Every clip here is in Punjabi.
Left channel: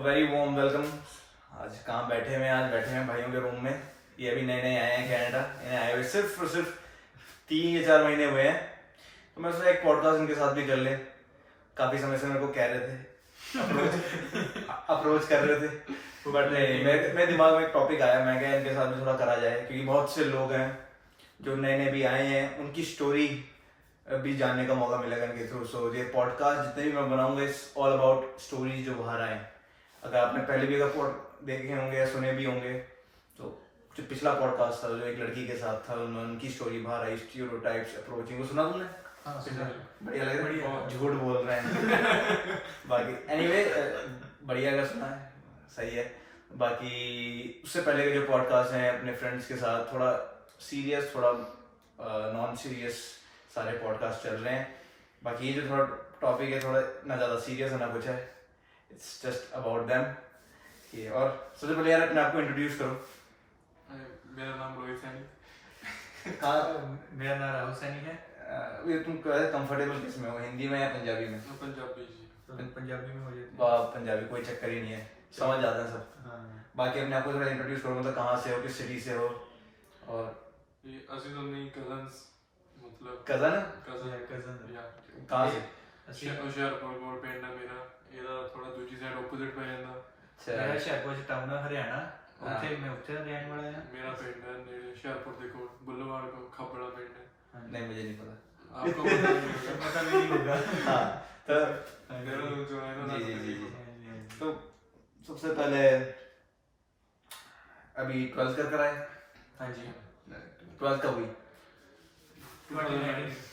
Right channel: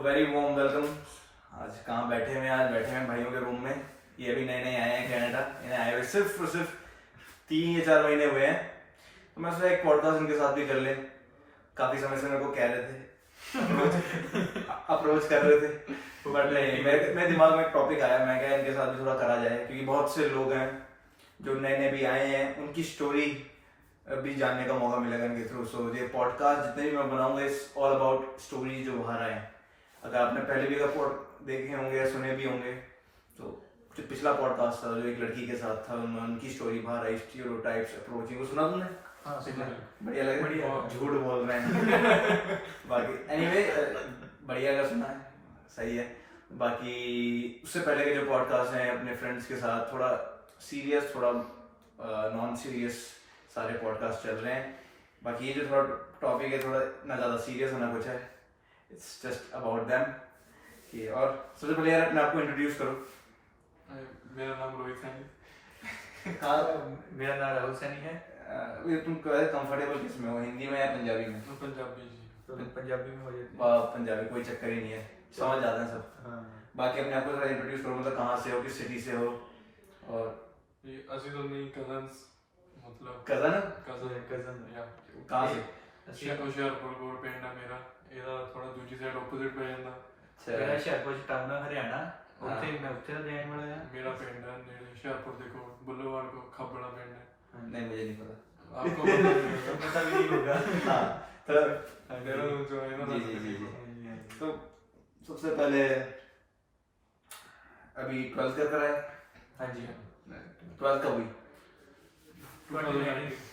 Very warm welcome. आज कहाँ बैठे हुए हैं? आज बैठे हैं भाइयों के रूम में। ये अभी नए नए आए हैं कनाडा। इन्हें आए हुए सिर्फ और सिर्फ 3 या 4 महीने हुए हैं, तो मैं सोचा एक पॉडकास्ट इनके साथ भी कर ले। काफ़ी समय से मेरे को कह रहे थे, अप्रोच कर रहे थे, बट नहीं, मेरे दिमाग में एक टॉपिक आया। मैं क्या इनके साथ भी थोड़ा करा जाए, क्योंकि बहुत से लोग हैं जो नए नए भी आए हैं, उनकी स्टोरी भी जानने का मौका मिलेगा इनके थ्रू। सो ये पॉडकास्ट जितने भी मैं बनाऊंगा इट्स ऑल अबाउट स्टोरी जो बाहर आए। अगर आपने पहले भी अगर पॉड देखे होंगे या सुने भी होंगे, तो जो पिछला पॉडकास्ट था जो एक लड़की के साथ था, उनकी स्टोरी बाहर आई, स्टीरियोटाइप्स अप्रोचिंग, वो सुना तुमने? हाँ, बढ़िया लगा? बढ़िया, झूठ बोल रहे हैं बाकी एनीवे बढ़िया अगर सुना है सही है। बाकी उससे पहले के जो पॉडकास्ट हैं अपने फ्रेंड्स के साथ, थोड़ा सीरियस थोड़ा नॉन सीरियस सारे पॉडकास्ट चल रहे हैं। बाकी ये जो थोड़ा टॉपिक है, थोड़ा ना ज़्यादा सीरियस है ना कुछ है, इट्स जस्ट अबाउट देम। ये और सबसे पहले यार मैं आपको इंट्रोड्यूस करूँ। मेरा नाम रोहित सैनी। हाँ, मेरा नाम राहुल सैनी है। ये तुम कंफर्टेबल किस में हो, हिंदी में या पंजाबी में? पंजाबी जी। तो पंजाबी में हो जाती वाह, पंजाबी कोई चक्कर ही नहीं है, समझ जाते हैं सब। हाँ। बाकी अपने आपको थोड़ा इंट्रोड्यूस करो, मतलब कहाँ से हो, किस सिटी से हो? और ये असली तो नहीं, कजन्स मतलब कजन है? कजन या कहाँ से? ਹੁਸ਼ਿਆਰਪੁਰ ਕੋਲ ਪਿੰਡ ਹੈ ਮੇਰਾ। ਇਹਦਾ ਥੋੜਾ ਦੂਜੀ ਸਾਈਡ ਆਪੋਜ਼ਿਟ ਪੈ ਜਾਂਦਾ। ਮੇਰਾ ਹੁਸ਼ਿਆਰਪੁਰ ਚ ਟਾਊਨ ਹੈ ਹਰਿਆਣਾ, ਉੱਥੇ ਮੈਂ ਉੱਥੇ ਦਾ ਰਹਿਣ ਵਾਲਾ ਹਾਂ। ਮੇਰਾ ਪਿੰਡ ਹੈ ਨੇੜੇ ਹੁਸ਼ਿਆਰਪੁਰ ਦੇ ਕੋਲ ਬੁੱਲਵਾਲ ਕੋ ਖੱਬੜਾ ਪਿੰਡ ਹੈ। नहीं, मुझे नहीं पता। आपको पता नहीं होगा। पता भी नहीं होगा। हाँ, तो देहरादून जो है ना। जी। तो सबसे पहले अभी 12th कर कर आए? हाँ जी। 12th कब हुई? 2019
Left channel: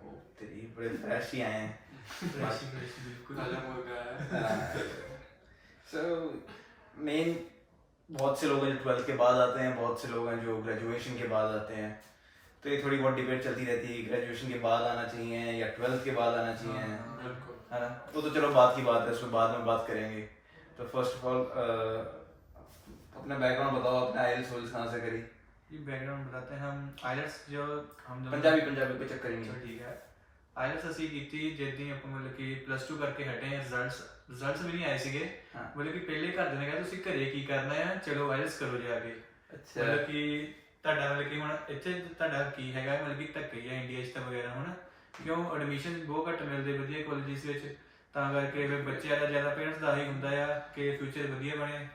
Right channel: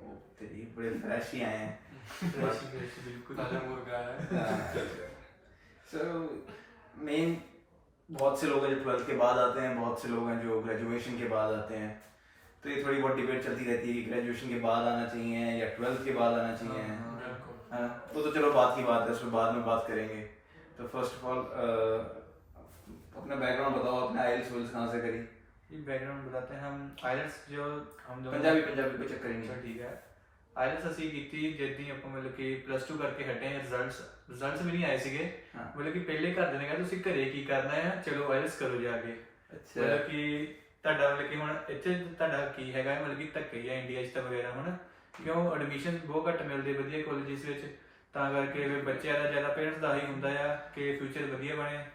ओ तेरी बड़े फ्रेश ही आए हैं। फ्रेश बिल्कुल ताजा मुर्गा है। सो मेन बहुत से लोग हैं जो 12th के बाद आते हैं, बहुत से लोग हैं जो ग्रेजुएशन के बाद आते हैं। तो ये थोड़ी बहुत डिबेट चलती रहती है, ग्रेजुएशन के बाद आना चाहिए या 12th के बाद आना चाहिए, है ना? वो तो चलो बात की बात है, उसमें बाद में बात करेंगे। तो फर्स्ट ऑफ ऑल अपना बैकग्राउंड बताओ, अपना आईएलटीएस वोल्स कहाँ से करी? ये बैकग्राउंड बताते हैं हम। आईएलटीएस जो हम दोनों पंजाबी कोई चक्कर ही चलो नहीं। ठीक है। आईएलटीएस ਅਸੀਂ ਕੀਤੀ ਜਿੱਦਾਂ ਆਪਾਂ ਮਤਲਬ ਕਿ +2 ਕਰਕੇ ਹਟੇ ਆ। ਰਿਜ਼ਲਟਸ ਵੀ ਨਹੀਂ ਆਏ ਸੀਗੇ। ਮਤਲਬ ਕਿ ਪਹਿਲੇ ਘਰ ਦੇ ਨੇ ਕਿਹਾ ਤੁਸੀਂ ਘਰੇ ਕੀ ਕਰਨਾ ਹੈ, ਚਲੋ ਆਈਐਲਟੀਐਸ ਕਰੋ ਜਾ ਕੇ। ਅੱਛਾ, ਮਤਲਬ ਕਿ ਤੁਹਾਡਾ ਮਤਲਬ ਕਿ ਹੁਣ ਇੱਥੇ ਤੁਹਾਡਾ ਕੀ ਹੈਗਾ, ਮਤਲਬ ਕਿ ਧੱਕੇ ਹੀ ਆ ਇੰਡੀਆ 'ਚ ਤਾਂ ਵਗੈਰਾ ਹੁਣ, ਕਿਉਂ ਐਡਮਿਸ਼ਨ ਬਹੁਤ ਘੱਟ ਮਿਲਦੇ ਵਧੀਆ ਕਾਲਜਿਸ ਵਿੱਚ। ਤਾਂ ਕਰਕੇ ਬੱਚਿਆਂ ਦਾ ਜ਼ਿਆਦਾ ਪੇਰੈਂਟਸ ਦਾ ਹੀ ਹੁੰਦਾ ਆ ਕਿ ਫਿਊਚਰ ਵਧੀਆ ਬਣੇ,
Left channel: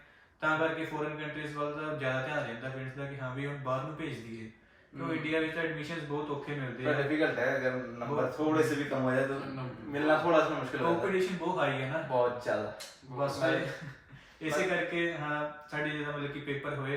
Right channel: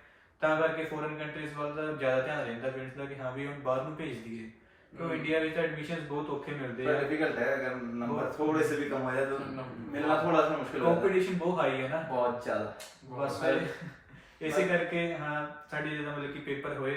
ਤਾਂ ਕਰਕੇ ਫੋਰਨ ਕੰਟਰੀਜ਼ ਵੱਲ ਦਾ ਜ਼ਿਆਦਾ ਧਿਆਨ ਰਹਿੰਦਾ ਪੇਰੈਂਟਸ ਦਾ ਕਿ ਹਾਂ ਵੀ ਹੁਣ ਬਾਹਰ ਨੂੰ ਭੇਜ ਦਈਏ, ਕਿਉਂ इंडिया में तो एडमिशंस बहुत औखे मिलते हैं। डिफिकल्ट है, अगर नंबर थोड़े से भी कम हो जाए तो मिलना थोड़ा सा मुश्किल हो जाता है। कंपटीशन बहुत हाई है ना, बहुत ज्यादा। बस ਇਸੇ ਕਰਕੇ ਹਾਂ ਸਾਡੇ ਜਦੋਂ ਮਤਲਬ ਕਿ ਪੇਪਰ ਹੋਏ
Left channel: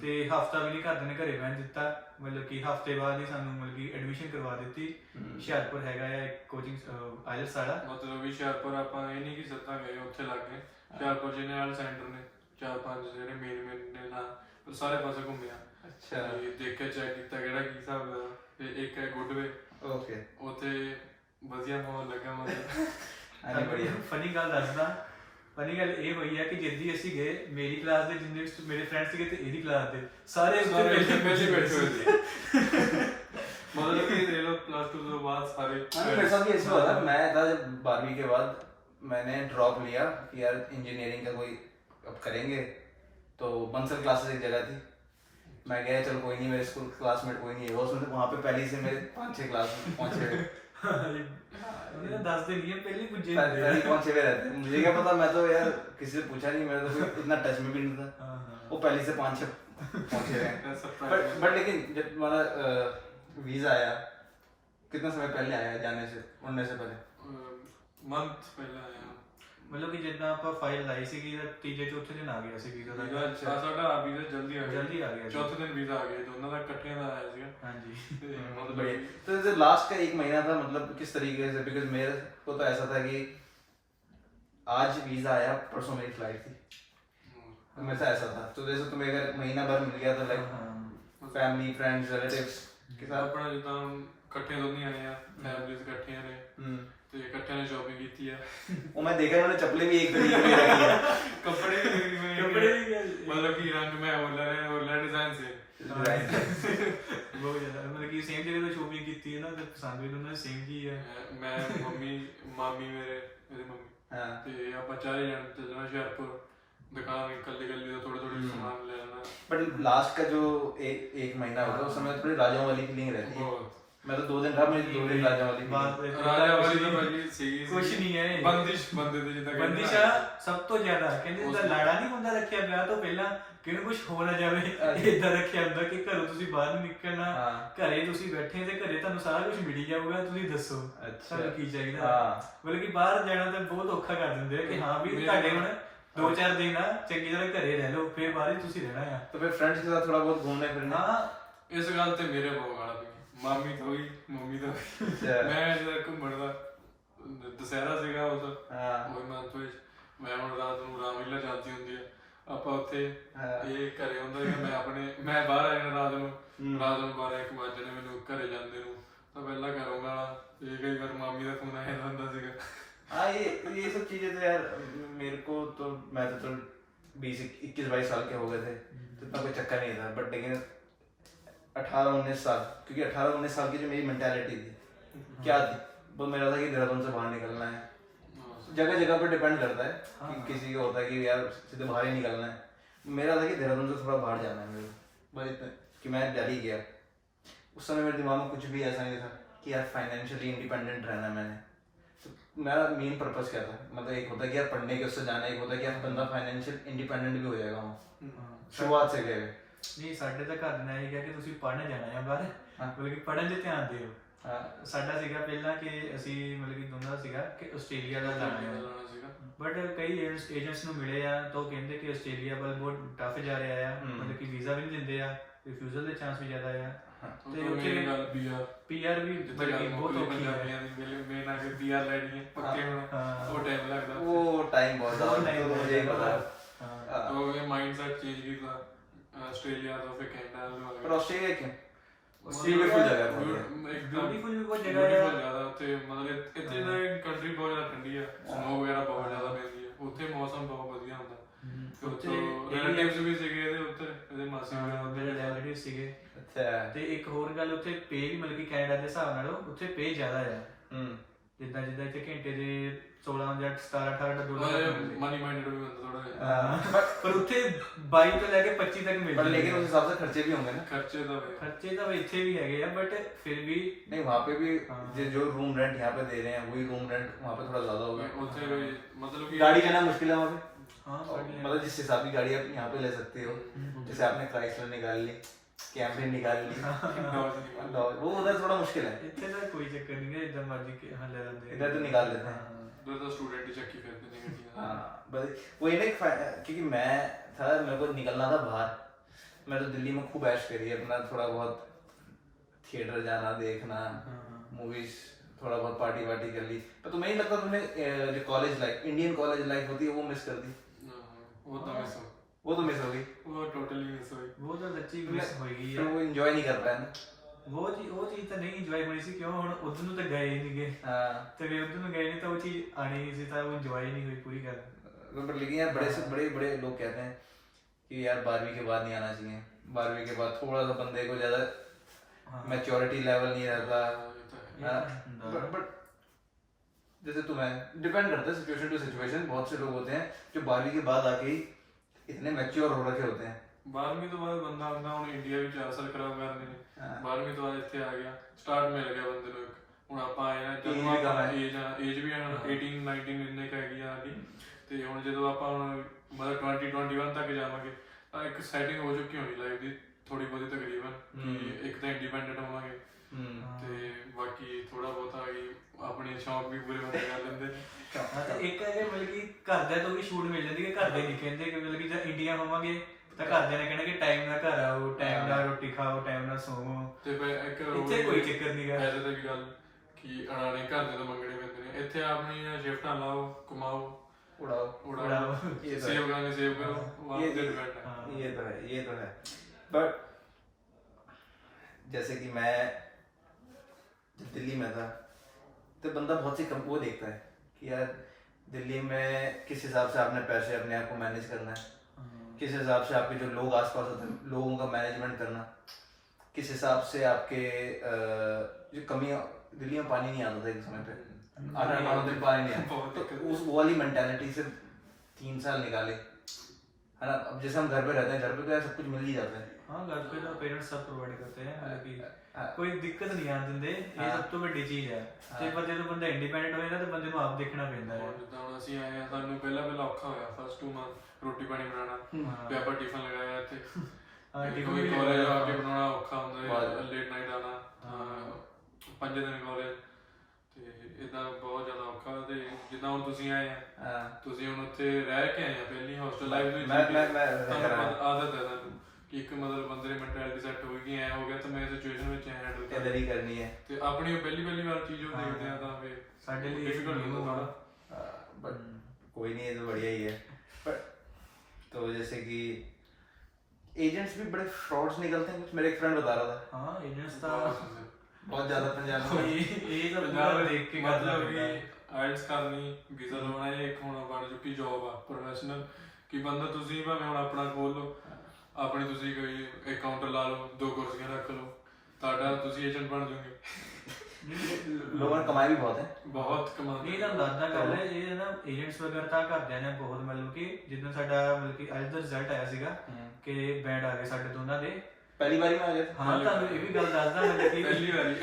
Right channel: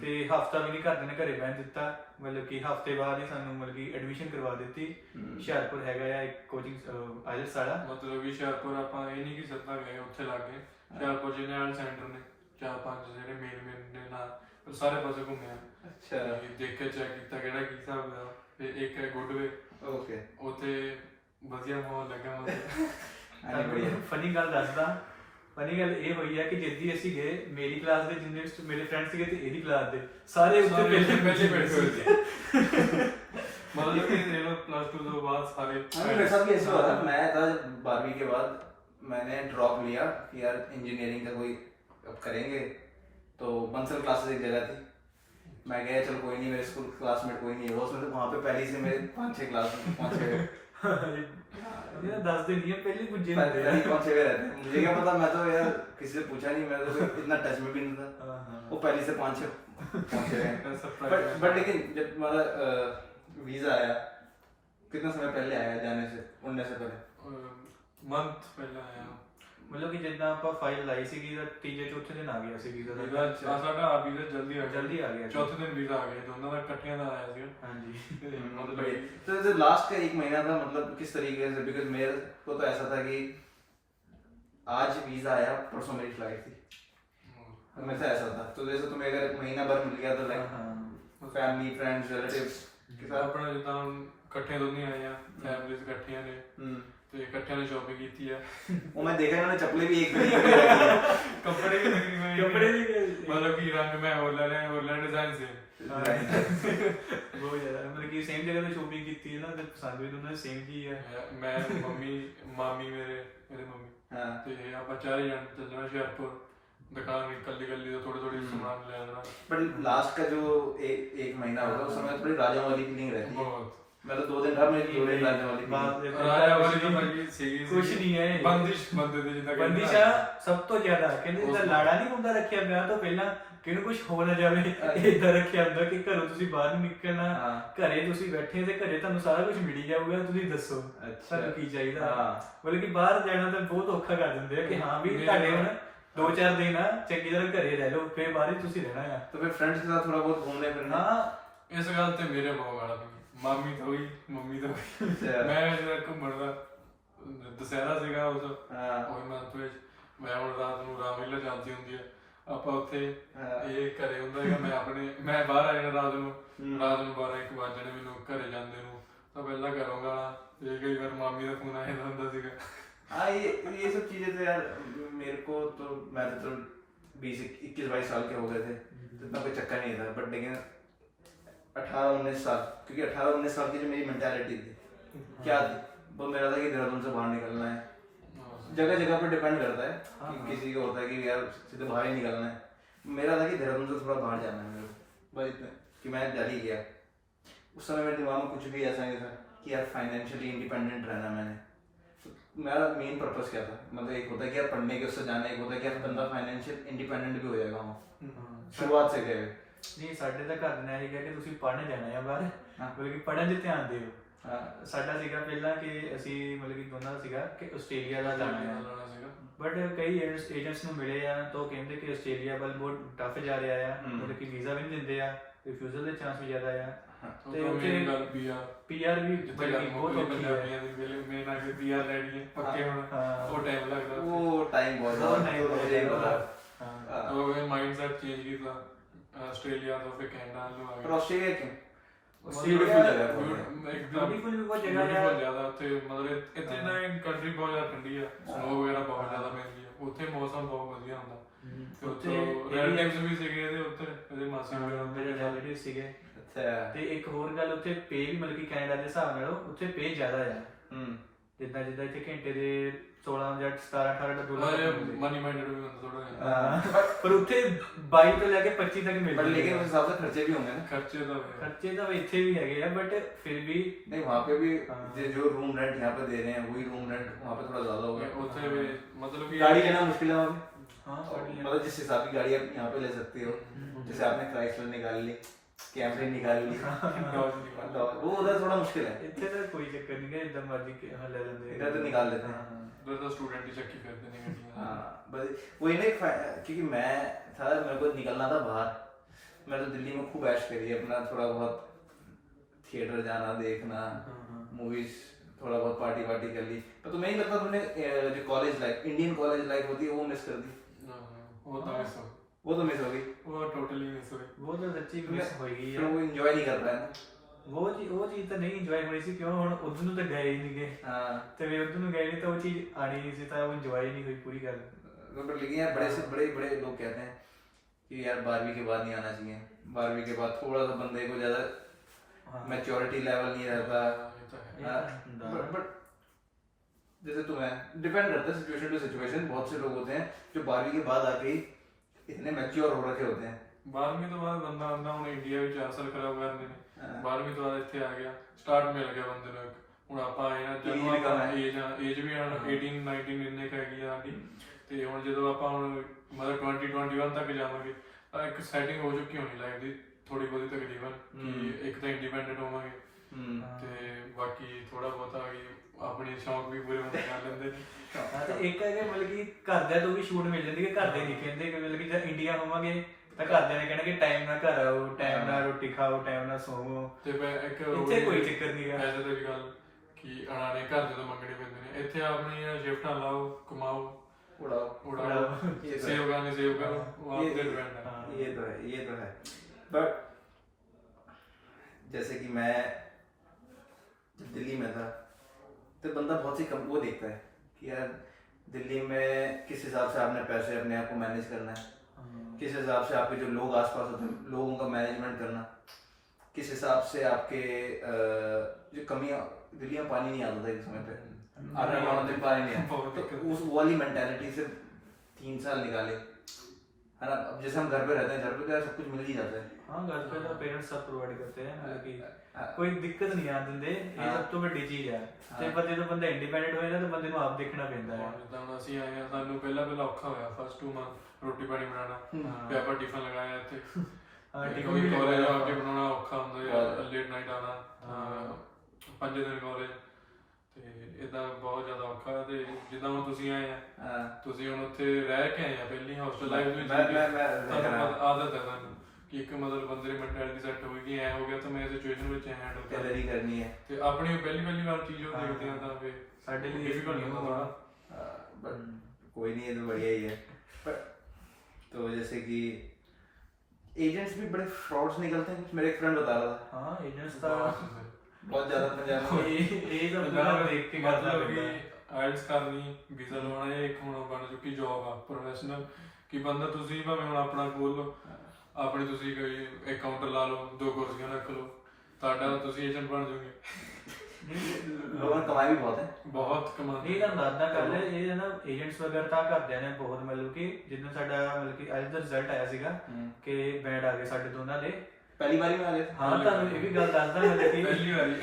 ਤੇ ਹਫਤਾ ਵੀ ਨਹੀਂ ਘਰਦਿਆਂ ਨੇ ਘਰੇ ਬਹਿਣ ਦਿੱਤਾ। ਮਤਲਬ ਕਿ ਹਫਤੇ ਬਾਅਦ ਹੀ ਸਾਨੂੰ ਮਤਲਬ ਕਿ ਐਡਮਿਸ਼ਨ ਕਰਵਾ ਦਿੱਤੀ। ਹੁਸ਼ਿਆਰਪੁਰ ਹੈਗਾ ਆ ਇੱਕ ਕੋਚਿੰਗ ਆਈਲਟਸ ਵਾਲਾ। ਮਤਲਬ ਵੀ ਹੁਸ਼ਿਆਰਪੁਰ ਆਪਾਂ ਇਹ ਨਹੀਂ ਕਿ ਸੱਤਾ ਗਏ ਉੱਥੇ ਲੱਗ ਗਏ। ਹੁਸ਼ਿਆਰਪੁਰ ਜਿਹਨੇ ਵਾਲੇ ਸੈਂਟਰ ਨੇ 4-5 ਜਿਹੜੇ ਮੇਨ ਨੇ ਨਾ, ਸਾਰੇ ਪਾਸੇ ਘੁੰਮੇ ਆ। ਅੱਛਾ, ਦੇਖਿਆ ਚੈੱਕ ਕੀਤਾ ਕਿਹੜਾ ਕੀ ਹਿਸਾਬ ਦਾ। ਤੇ ਇੱਕ ਹੈ ਗੁੱਡਵੇ, ओके, ਉੱਥੇ ਵਧੀਆ ਮਾਹੌਲ ਲੱਗਾ ਮਤਲਬ। अरे बढ़िया। ਫਨੀ ਗੱਲ ਦੱਸਦਾ। ਫਨੀ ਗੱਲ ਇਹ ਹੋਈ ਹੈ ਕਿ ਜਿੱਦੀ ਅਸੀਂ ਗਏ, ਮੇਰੀ ਕਲਾਸ ਦੇ ਜਿੰਨੇ ਮੇਰੇ ਫਰੈਂਡਸ ਸੀਗੇ ਤੇ ਇਹਦੀ ਕਲਾਸ ਦੇ ਸਾਰੇ ਉੱਤੇ ਪਹਿਲੇ ਬੈਠੇ ਹੋਏ ਸੀ। मतलब कि ये लोग +2 के बाद सारे। मेरे साथ भी ऐसा हुआ था। मैं था जब 12वीं के बाद मैंने ड्रॉप लिया कि यार इंजीनियरिंग का कोई अब करेंगे, तो बंसल क्लासेस एक जगह थी। मैं गया, चल कोई नहीं, मेरे स्कूल क्लासमेट कोई नहीं है उसमें, तो वहाँ पे पहले से मेरे 5-6 क्लास पहुँच गए। दस दिन नहीं है पहले पुज्जे पहले 5-6 रहते हैं, मुझे क्या पता, मैं तो यार किसी से पूछा नहीं, मेरा तो कोई इतना टच में भी नहीं था। वो पहले से 5-6 पहुँचे गए। बट लेकिन जब हमारा वीजा आया, कितना समय पहले आया जाने से, उड़ने से पहले? मंथ पहले आया। मतलब कि जितना ਆਪਾਂ ਫਾਈਲ ਲਾਈ ਸੀਗੀ ਤਾਂ ਤੀਜੇ ਚੌਥੇ ਦਿਨ ਆ ਗਿਆ ਸੀ ਵੀਜ਼ਾ ਦਾ। ਸਾਡਾ ਵੀਜ਼ਾ ਜਲਦੀ ਆ ਗਿਆ ਚੌਥੇ ਦਿਨ ਵੀਜ਼ਾ ਆ ਗਿਆ, ਦੋਨਾਂ ਦਾ ਇਕੱਠਿਆਂ ਦਾ आया ਸੀ। ਹਾਂਜੀ मतलब बढ़िया। तो जो लास्ट का 1 महीना था, मतलब किस तरीके से, बिकॉज मेरे को तो ऐसा था कि आज वीजा आया, परसों मेरी फ्लाइट थी, मेरे साथ ऐसा था। तो जैसे तुम्हें अगर महीना भर मिल गया तो लाइक फैमिली फ्रेंड्स रिलेटिव्स के साथ ਆਪਣਾ ਜਿੱਦਾਂ ਇਕੱਠੇ ਦੋਨੇ ਆਏ ਆ, ਫੈਮਿਲੀਜ਼ ਇਕੱਠੀਆਂ ਨੇ ਤੇ ਇਕੱਠਿਆਂ ਨੇ ਸ਼ਾਪਿੰਗ ਕੀਤੀ ਆ। वो मैं देखा मैंने चप्पलें भी एक तरीके की रखी है। ਕੱਪੜੇ ਵੀ मतलब कि रंग में और ले डिजाइन से ਬਹੁਤ ਜ਼ਿਆਦਾ ਮਤਲਬ ਕਿ ਸੇਮ ਜਗ੍ਹਾ ਤੇ ਸ਼ੋਪਿੰਗ ਕੀਤੀ ਹੈ ਨਾ, ਤੇ ਪਸੰਦ ਵੀ ਦੋਨਾਂ ਦੀ ਸੇਮ ਜੀ ਹੈ। मैं मम्मी मामी मेरे मंमी ਹਾਂ ਤੇ ਆਪਾਂ ਚਾਰੇ ਜਾਣੇ ਚੱਲ ਜਾਣਾ ਹੁਸ਼ਿਆਰਪੁਰ, दुकान निकल गली तो थोड़ी थोड़ी सामान ले आना। बट लास्ट का जो एक महीना होता है उस समय थोड़ी राजा वाली फीलिंग रहती है। बहुत मैं तो 2 दिन रहा, मेरी 2 दिन राजा वाली राजा वाली तो भाई सीरीज ਕੁਛ ਨਹੀਂ ਹੈ ਬੰਦਿਸ਼ ਬੰਦੇ ਦੇ ਜਿੱਦਾਂ ਬੰਦਿਸ਼ ਆ ਸਭ ਤੋਂ ਜ਼ਿਆਦਾ ਕਹਿੰਦੇ ਤਾਂ ਲਾੜਾ ਨਹੀਂ ਹੁੰਦਾ ਰੱਖਿਆ ਵਿਆਹ ਤੋਂ ਪਹਿਲਾਂ ਕਿਹਨੂੰ ਕੁਝ ਹੋ ਨਾ ਜਾਵੇ, ਇਦਾਂ ਰੱਖਿਆ ਹੁੰਦਾ ਕਿ ਘਰੋਂ ਤੁਸੀਂ ਬਾਹਰ ਨਹੀਂ ਨਿਕਲਣਾ, ਘਰੇ ਤੁਸੀਂ ਬੈਠੇ ਤੇ ਘਰੇ ਤੁਹਾਨੂੰ ਸਾਰਾ ਕੁਝ ਮਿਲ ਜਾਊਗਾ, ਤੁਸੀਂ ਦੱਸੋ ਤੁਹਾਨੂੰ ਕੀ ਚਾਹੀਦਾ। ਮਤਲਬ ਕਿ ਬਾਹਰ ਜਾਣਾ ਤਾਂ ਬਹੁਤ ਔਖਾ ਕਰ ਦਿੰਦੇ ਆ ਕਿ ਹਾਂ ਵੀ ਤੁਹਾਡੇ ਹੁਣ 2-4 दिन चंगी तरह घरे रह लो, फिर बाहर तुसी रहना है। तो फिर फ्रेंड्स के साथ थोड़ा बहुत घूमने फिरना। हां इस गल ते मेरे बहुत गाला पई, मामी तो हुई मम्मी तो मैं इधर घूमण दा दशहरा सीगा उस ओए मंथ विच मैं हुन रात ਨੂੰ ਰਾਮਲੀਲਾ ਚੱਲਦੀ ਹੁੰਦੀ ਹੈ, ਆਪਾਂ ਉੱਥੇ ਇਹ ਘਰੇ ਹੁੰਦਾ ਹੈਗਾ, ਮੈਂ ਬਾਹਰ ਆਇਆ ਰਾਤ ਨੂੰ 12-1 ਵਜੇ ਮੈਨੂੰ ਘਰੇ ਜਾਂਦੇ ਨੂੰ ਤਾਂ ਪਹਿਲਾਂ ਘਰੋਂ ਗਾਲਾਂ, ਇਹ ਕਈ ਵਾਰ ਮਾਮੀ ਦਾ ਫੋਨ ਆਇਆ ਹੁੰਦਾ ਸੀਗਾ। हाँ ये सब चीजें तो यार मेरे को तो मैं तो 20-21-22 साल के हो गए थे तो इतना कोई चक्कर नहीं था, बट लेकिन 18-19 साल, क्योंकि 18-19 साल की जो मेरी मेंटालिटी थी क्या थी वो मेरा था कि देहरादून से बाहर निकलना है। जगह जगह पर डिपेंड करता है कि किसी को होता है कि यार सीधे बाहर ही निकलना है, मेरा था कि देहरादून से थोड़ा बाहर जाना है मेरे को, बस इतना कि मैं दिल्ली गया। उस समय मेरे दिमाग में कुछ भी ऐसा नहीं था कि यार फाइनेंशियली इंडिपेंडेंट रहना है। मैंने मेरा मेन पर्पस क्या था, मतलब एक होता है कि यार पढ़ने के उससे जाना, एक होता है कि यार बंदा फाइनेंशियल इंडिपेंडेंट भी हो जाएगा वहाँ शुरुआत से गए। ਨਹੀਂ ਸਾਡੇ ਤਾਂ ਘਰ ਦੇ ਨਾਲ ਇਹ ਕਿਹਾ ਕਿ ਤੁਸੀਂ ਪੜ੍ਹਨ ਜਾਣਾ ਹੈ ਬਾਹਰ, ਮਤਲਬ ਕਿ ਪੜ੍ਹਨ 'ਤੇ ਧਿਆਨ ਦਿਓ। ਸਾਡਾ ਸੀਗਾ ਪਹਿਲਾਂ ਕਿ ਅਸੀਂ ਮਤਲਬ ਕਿ ਦੋਨਾਂ ਦਾ ਸੀਗਾ ਕਿ ਆਸਟ੍ਰੇਲੀਆ ਦਾ ਜਾਣਾ ਹੈ, ਬਟ ਕਈ ਏਜੰਟਸ ਨੂੰ ਮਿਲੇ ਆ ਤਾਂ ਉਹ ਕਹਿੰਦੇ ਕਿ ਆਸਟ੍ਰੇਲੀਆ ਵੱਲ ਬਹੁਤ ਟਫ ਜਾ ਰਿਹਾ ਆ, ਮਤਲਬ ਕਿ ਵੀਜ਼ਾ ਵੀ ਨਹੀਂ ਦਿੰਦੇ ਆ, ਰਿਫਿਊਜ਼ਲ ਦੇ ਚਾਂਸ ਵੀ ਜ਼ਿਆਦਾ ਆ, ਤੇ ਉੱਥੇ ਪੀਆਰ ਵੀ ਬਹੁਤ ਔਖੀ ਹੈ। ਮੇਨ ਆ ਕੇ ਪੀਆਰ ਲੈਣੀ ਹੈ ਪੱਕੇ ਹੁਣ, ਉਹ ਟਾਈਮ ਲੱਗਦਾ, ਉਹ ਟਾਈਮ ਬਹੁਤ ਲੱਗਦਾ, ਉਹ ਮਾਈਂਡਸੈਟ ਚੇਂਜ ਕੀਤਾ ਆਸਟ੍ਰੇਲੀਆ ਤੋਂ ਫਿਰ ਕੈਨੇਡਾ ਨੂੰ ਆ ਪਰ ਆਸਟ੍ਰੇਲੀਆ ਕਿਉਂ ਬਿਊਟੀਫੁਲ ਜਗ੍ਹਾ ਹੈ, ਬਿਊਟੀਫੁਲ ਵੀ ਬਹੁਤ ਜਗ੍ਹਾ ਬਹੁਤ ਜ਼ਿਆਦਾ ਉੱਥੇ, ਮਤਲਬ ਇੱਥੇ ਨਾ ਕੰਟਰੀ ਬਹੁਤ ਜ਼ਿਆਦਾ ਠੰਡੀ ਆ, ਸਨੋ ਵਗੈਰਾ ਬਹੁਤ ਜ਼ਿਆਦਾ ਪੈਂਦੀ ਆ, ਉੱਥੇ ਮੌਸਮ ਬਹੁਤ ਵਧੀਆ ਹੁੰਦਾ, ਤੇ ਉੱਥੇ ਰਿਲੇਟਿਵਸ ਵੀ ਸੀਗੇ ਇਹਦੇ ਉੱਤੇ, ਇਹਦੇ ਮਾਸੀ ਵਗੈਰਾ ਮੇਰੇ ਰਿਲੇਟਿਵ ਸੀਗੇ। ਅੱਛਾ ਤੇ ਇੱਕ ਹੋਰ ਗੱਲ ਉੱਥੇ ਪੇ ਵੀ ਮਤਲਬ ਕਿ ਕੈਨੇਡਾ ਦੇ ਹਿਸਾਬ ਨਾਲ ਉੱਥੇ ਪੇ ਜ਼ਿਆਦਾ ਆ, ਜਿੱਦਾਂ ਇੱਥੇ ਘੰਟੇ ਦੇ 16 ਜਾਂ 17-18 ਡਾਲਰ ਮਨੀ ਮਾਈਂਡਡ ਵੀ ਹੁੰਦਾ ਥੋੜਾ ਜਿਹਾ, ਪਰ ਉੱਥੇ 22 ਤੋਂ ਲੈ ਕੇ 25 ਤੱਕ ਮਿਲਦਾ। पर लेकिन उस हिसाब से खर्चे भी होंगे ना, खर्चे तो ਇੱਥੇ ਵੀ ਹੈਗੇ ਆ, बट फिर भी नहीं वहाँ पे भी जो रूम रेंट यहाँ पे दे रहे हैं वही रूम रेंट वहाँ पे थोड़ा ज्यादा होगा। ਉੱਥੇ ਵੀ मतलब कि गाड़ी लेना मुश्किल है वहाँ पे, हाँ मतलब जिस हिसाब की गाड़ी आप यहाँ पे ले सकते हो, जैसे आपने क्राइसलर निकाल ली, कैमरे निकाल ली, वो उधर थोड़ा मुश्किल है। ਇੱਥੇ ਤਾਂ ਕੋਈ ਚੱਕਰ ਨਹੀਂ ਹੈ, ਇਦਾਂ ਮਰਜ਼ੀ ਕੇ ਲੈ ਲੈਂਦੇ, इधर तो निकाल लेते हैं। उधर तो स्टूडेंट ही चक्की करते नहीं करते। हाँ बस वही ना, क्योंकि मैं था मेरे को निकलना था बाहर, मैं तो दिल्ली में खूब ऐश करी अपना, थोड़ा बहुत थिएटर जाना देखना, मूवीज थोड़ा बहुत पार्टी वार्टी कर ली। पर तुम्हें नहीं लगता तुमने जो college life, Indian college life होती है वो मिस कर दी? वो तो मिस हो गई, वो टोटली मिस हो गई, वो तो सच्ची मिस हो गई है, वो एंजॉय नहीं कर पाया ना। ਉਹ ਚੀਜ਼ ਤਾਂ ਨਹੀਂ ਇੰਜੋਏ ਹੋਣੀ ਸੀ, ਕਿਉਂ ਹੁਣ ਉਧਰ ਨੂੰ ਤਾਂ ਗਏ ਹੀ ਨਹੀਂਗੇ, ਤੇ ਵੀ ਉਧਰ ਨੂੰ ਗਏ ਨਹੀਂ ਤਾਂ ਉਹ ਚੀਜ਼ ਆਣੀ ਨਹੀਂ ਸੀ, ਤਾਂ ਉਹ ਇੰਜੋਏ नहीं हुई पूरी ਗੱਲ। पर लेकिन यार बड़े से बड़े लोग कहते हैं कि यार 12वीं के बाद नहीं आना चाहिए, 12वीं के बाद थोड़ा सा बंदे को ज्यादा मैच्योरिटी लेवल नहीं रहता, बट जैसे तुम्हें डिपेंड करता है सिचुएशन टू सिचुएशन। बहुत से लोग होते हैं जो 12वीं के बाद आके ही इतने मैच्योर हो रखे होते हैं। 12वीं तो बाद बंदा आंदा ਹੁਣ ਇੰਡੀਆ ਵਿੱਚ ਅਸਰ ਖਰਾਬ ਕਰਨੇ ਨੇ, 12वीं ਤੋਂ ਬਾਅਦ ਇੱਥੇ ਆ ਗਿਆ, ਸਟਾਰਟ ਮਿਲ ਗਿਆ ਬੰਦੇ ਨੂੰ ਇੱਕ, ਹੁਣ ਆਪਾਂ ਆਏ ਨਾ ਜਦੋਂ ਆਪਾਂ ਏਜ ਵੀ 18-19 ਇੰਨੇ ਕੁ ਹੈਗੀ ਆ ਸਾਡੀ, ਤੇ ਹੁਣ ਜਦੋਂ ਆਪਾਂ ਹੁਣ ਮਤਲਬ 20-21 ਤੱਕ ਜਾਵਾਂਗੇ ਤਾਂ ਇੱਕ ਸੈਟਿੰਗ ਹੋ ਚੁੱਕੀ ਹੋਣੀ ਲੱਗਦੀ ਥੋੜੀ ਬਹੁਤੀ ਤਕਰੀਬਨ, ਕਿ ਇੱਕ ਤਾਂ ਇੰਡੀਪੈਂਡੈਂਟ ਹੋਵਾਂਗੇ ਤੇ ਬਾਕੀ ਥੋੜਾ ਬਹੁਤਾ ਆਪਣੇ ਸ਼ੌਕ ਵੀ ਪੂਰੇ ਬੰਦੇ ਕਰ ਲੈਂਦੇ ਨੇ। ਤੇ ਇੱਕ ਹੈ ਕਿ ਮਤਲਬ ਕਿ ਘਰਦਿਆਂ ਤੋਂ ਵੀ ਛੂਟ ਮਿਲ ਜਾਂਦੀ ਹੈ, ਘਰਦੇ ਨਹੀਂ ਕਹਿੰਦੇ ਕਿ ਮਤਲਬ ਕਿ ਜਦ ਇੰਡੀਆ ਹੋਵਾਂਗੇ ਤਾਂ ਘਰਦਿਆਂ ਨੇ ਕਹਿਣਾ ਕਿ ਟਾਈਮ ਨਾਲ ਘਰ ਆਓ, ਟਾਈਮ ਨਾਲ ਰੋਟੀ ਖਾਓ, ਟਾਈਮ ਨਾਲ ਸੋਵੋ, ਤੇ ਇੱਕ ਇੱਥੇ ਕੋਈ ਚੱਕਰ ਨਹੀਂ ਗਾ ਐਸੇ ਦੀ ਗੱਲ ਕਿ ਅਣਾਣੇ ਘਰ ਤੋਂ ਮੰਗਣੇ ਪੈਂਦੇ ਨੇ, ਇੱਥੇ ਆਪਣੀ ਸ਼ਿਫਟਾਂ ਲਾਓ, ਕਮਾਓ, उड़ाओ, सेव करने सेव करो, वहाँ पे डिपेंड है। ये तो है बट जैसे कि मैं जब दिल्ली में था तो बंदा बहुत सी वो देखता है कि यार दिल्ली में किस हिसाब से आपने पैसे अपने आप को मैनेज करना है, किस हिसाब से आपके जो लोग आसपास होते हैं लोगों का मैनेजमेंट करना, किस हिसाब से आपके जो कमियाँ, दिल्ली में पानी नहीं आता था एक समय पे, आधा खाना तो पा नहीं है, तो उस वो वाली मेंटालिटी से 3 साल निकाले, है ना। अब जैसे हम घर पे रहते हैं, घर पे तो यार सब कुछ मिल ही जाता है। हाँ, घर पे तो पेरेंट्स सब प्रोवाइड करते हैं, मतलब कि ਕੋਈ ਦਿੱਕਤ ਨਹੀਂ ਆਉਣ ਦਿੰਦੇ, ਇਹ ਸਭ ਤੋਂ ਵੱਡੀ ਚੀਜ਼ ਹੈ। ਤੇ ਪਰ ਜਦੋਂ ਬੰਦਾ ਇੰਡੀਪੈਂਡੈਂਟ ਹੋਏ ਨਾ, ਤੇ ਬੰਦੇ ਨੂੰ ਆਪ ਦੇਖਣਾ ਪੈਂਦਾ ਹੈ। ਜਿੱਦਾਂ ਹੁਣ ਅਸੀਂ ਆਏ ਆ, ਸਾਨੂੰ ਪਹਿਲਾਂ ਔਖਾ ਹੋਇਆ ਫਸਟ 2 ਮੰਥ ਰੋਟੀ ਪਾਣੀ ਬਣਾਉਣਾ, ਤੇ ਆਪਾਂ ਟਿਫਨ ਲਗਾਇਆ ਇੱਥੇ, ਟਿਫਨ ਵੀ ਵੀ ਕਾਲਜ ਲਗਾਇਆ। ਆ ਕੇ ਬਣਾਉਣਾ ਔਖਾ ਹੁੰਦਾ ਹੈ, ਲੇਟ ਨਾਈਟ ਆਉਣਾ, 5 ਦਿਨ ਕਾਲਜ, ਤੇ ਇਦਾਂ ਬਹੁਤ ਜ਼ਿਆਦਾ ਔਖਾ। ਤੇ ਜਿੱਦਾਂ ਹੁਣ ਤੁਸੀਂ ਆਏ ਆ, ਤੁਸੀਂ ਹੁਣ ਉੱਥੇ ਰਹਿ ਕੇ ਆਏ ਆ ਪਹਿਲੀ ਹੋਸਟਲ ਲਾਈਫ ਦੇ ਵਿੱਚ, ਤੁਹਾਨੂੰ ਆਦਤ ਹੈ ਤੁਹਾਨੂੰ ਕਿ ਇੱਕ ਮਤਲਬ ਬੰਦੇ ਦੀ ਮੈਂਟੈਲਿਟੀ ਸੈੱਟ ਹੋ ਗਈ, ਐ ਹੋ ਗਿਆ ਤਾਂ ਮੈਂ ਸਿਚੁਏਸ਼ਨ ਵਿੱਚ ਹੈਂਡਲ ਕਰਨੀ ਹੈ, ਤੇ ਆਪਣੀ ਪਹਿਲੀ ਵਾਰ ਚੀਜ਼ ਉਹ ਦੇਖਦੇ ਆ ਤਾਂ ਫਿਰ ਸਾਡੇ ਲਈ डिफिकल्ट होता थोड़ा, बट कोई नहीं, ये तो बढ़िया ही है। पर तो जैसे कि एजेंट्स भी बड़े फ्रॉड्स निकलते हैं, कुछ मेरे एक फ्रेंड बता रहा था। हाँ, एजेंट्स का बहुत ज्यादा पंजाब में ਇਹ ਤਾਂ ਪੂਰਾ ਦੇਖ ਕੇ ਕਰਨਾ मतलब ਪੈਂਦਾ कि ਹੈ। ਆਇਲਸ ਕਰਨੀ, ਵੀਜ਼ਾ ਲਵਾਉਣਾ, ਇਹ ਇੱਕ ਹੁਣ ਬਣ ਚੁੱਕੀ ਜੌਬ ਆ ਪ੍ਰੋਫੈਸ਼ਨਲ, ਕਿ ਬੰਦਾ ਤੁਸੀਂ ਭਾਵੇਂ ਹੁਣ ਆਪਣਾ ਖੋਲ ਲਓ, ਆਪਣੀ ਤੁਸੀਂ ਕੋਈ ਅਕਾਊਂਟਰ ਲਾ ਲਓ, 2 ਕੁਰਸੀਆਂ ਰੱਖ ਲਓ, ਤੁਹਾਡਾ ਤੁਸੀਂ ਏਜੰਟ ਬਣ ਜਾਓਗੇ। लोगों ने कमाई भी बहुत है, ਬਹੁਤ ਕਮਾਉਂਦੇ। ਇਹ ਤੁਹਾਨੂੰ ਦੱਸਦਾ ਗੱਲ ਹੈ, ਇਹ ਨਾ ਏਜੰਟਸ ਵਗੈਰਾ ਤਾਂ ਘਰਦਿਆਂ ਨੇ ਬਹੁਤ, ਮਤਲਬ ਕਿ ਜਿੱਦਾਂ ਸਾਡਾ ਮਤਲਬ ਕਿ ਅੱਜ ਦਾ ਰਿਜ਼ਲਟ ਆਇਆ ਸੀਗਾ ਕਿ ਬੈਂਡ ਆ ਗਏ ਸਾਡੇ ਦੋਨਾਂ ਦੇ, पहली बारी में आ गए। ਹਾਂ ਤੁਹਾਨੂੰ ਇਹ ਵੀ ਗੱਲ ਦੱਸਦਾ, ਮਤਲਬ ਕਿ ਪਹਿਲੀ ਵਾਰੀ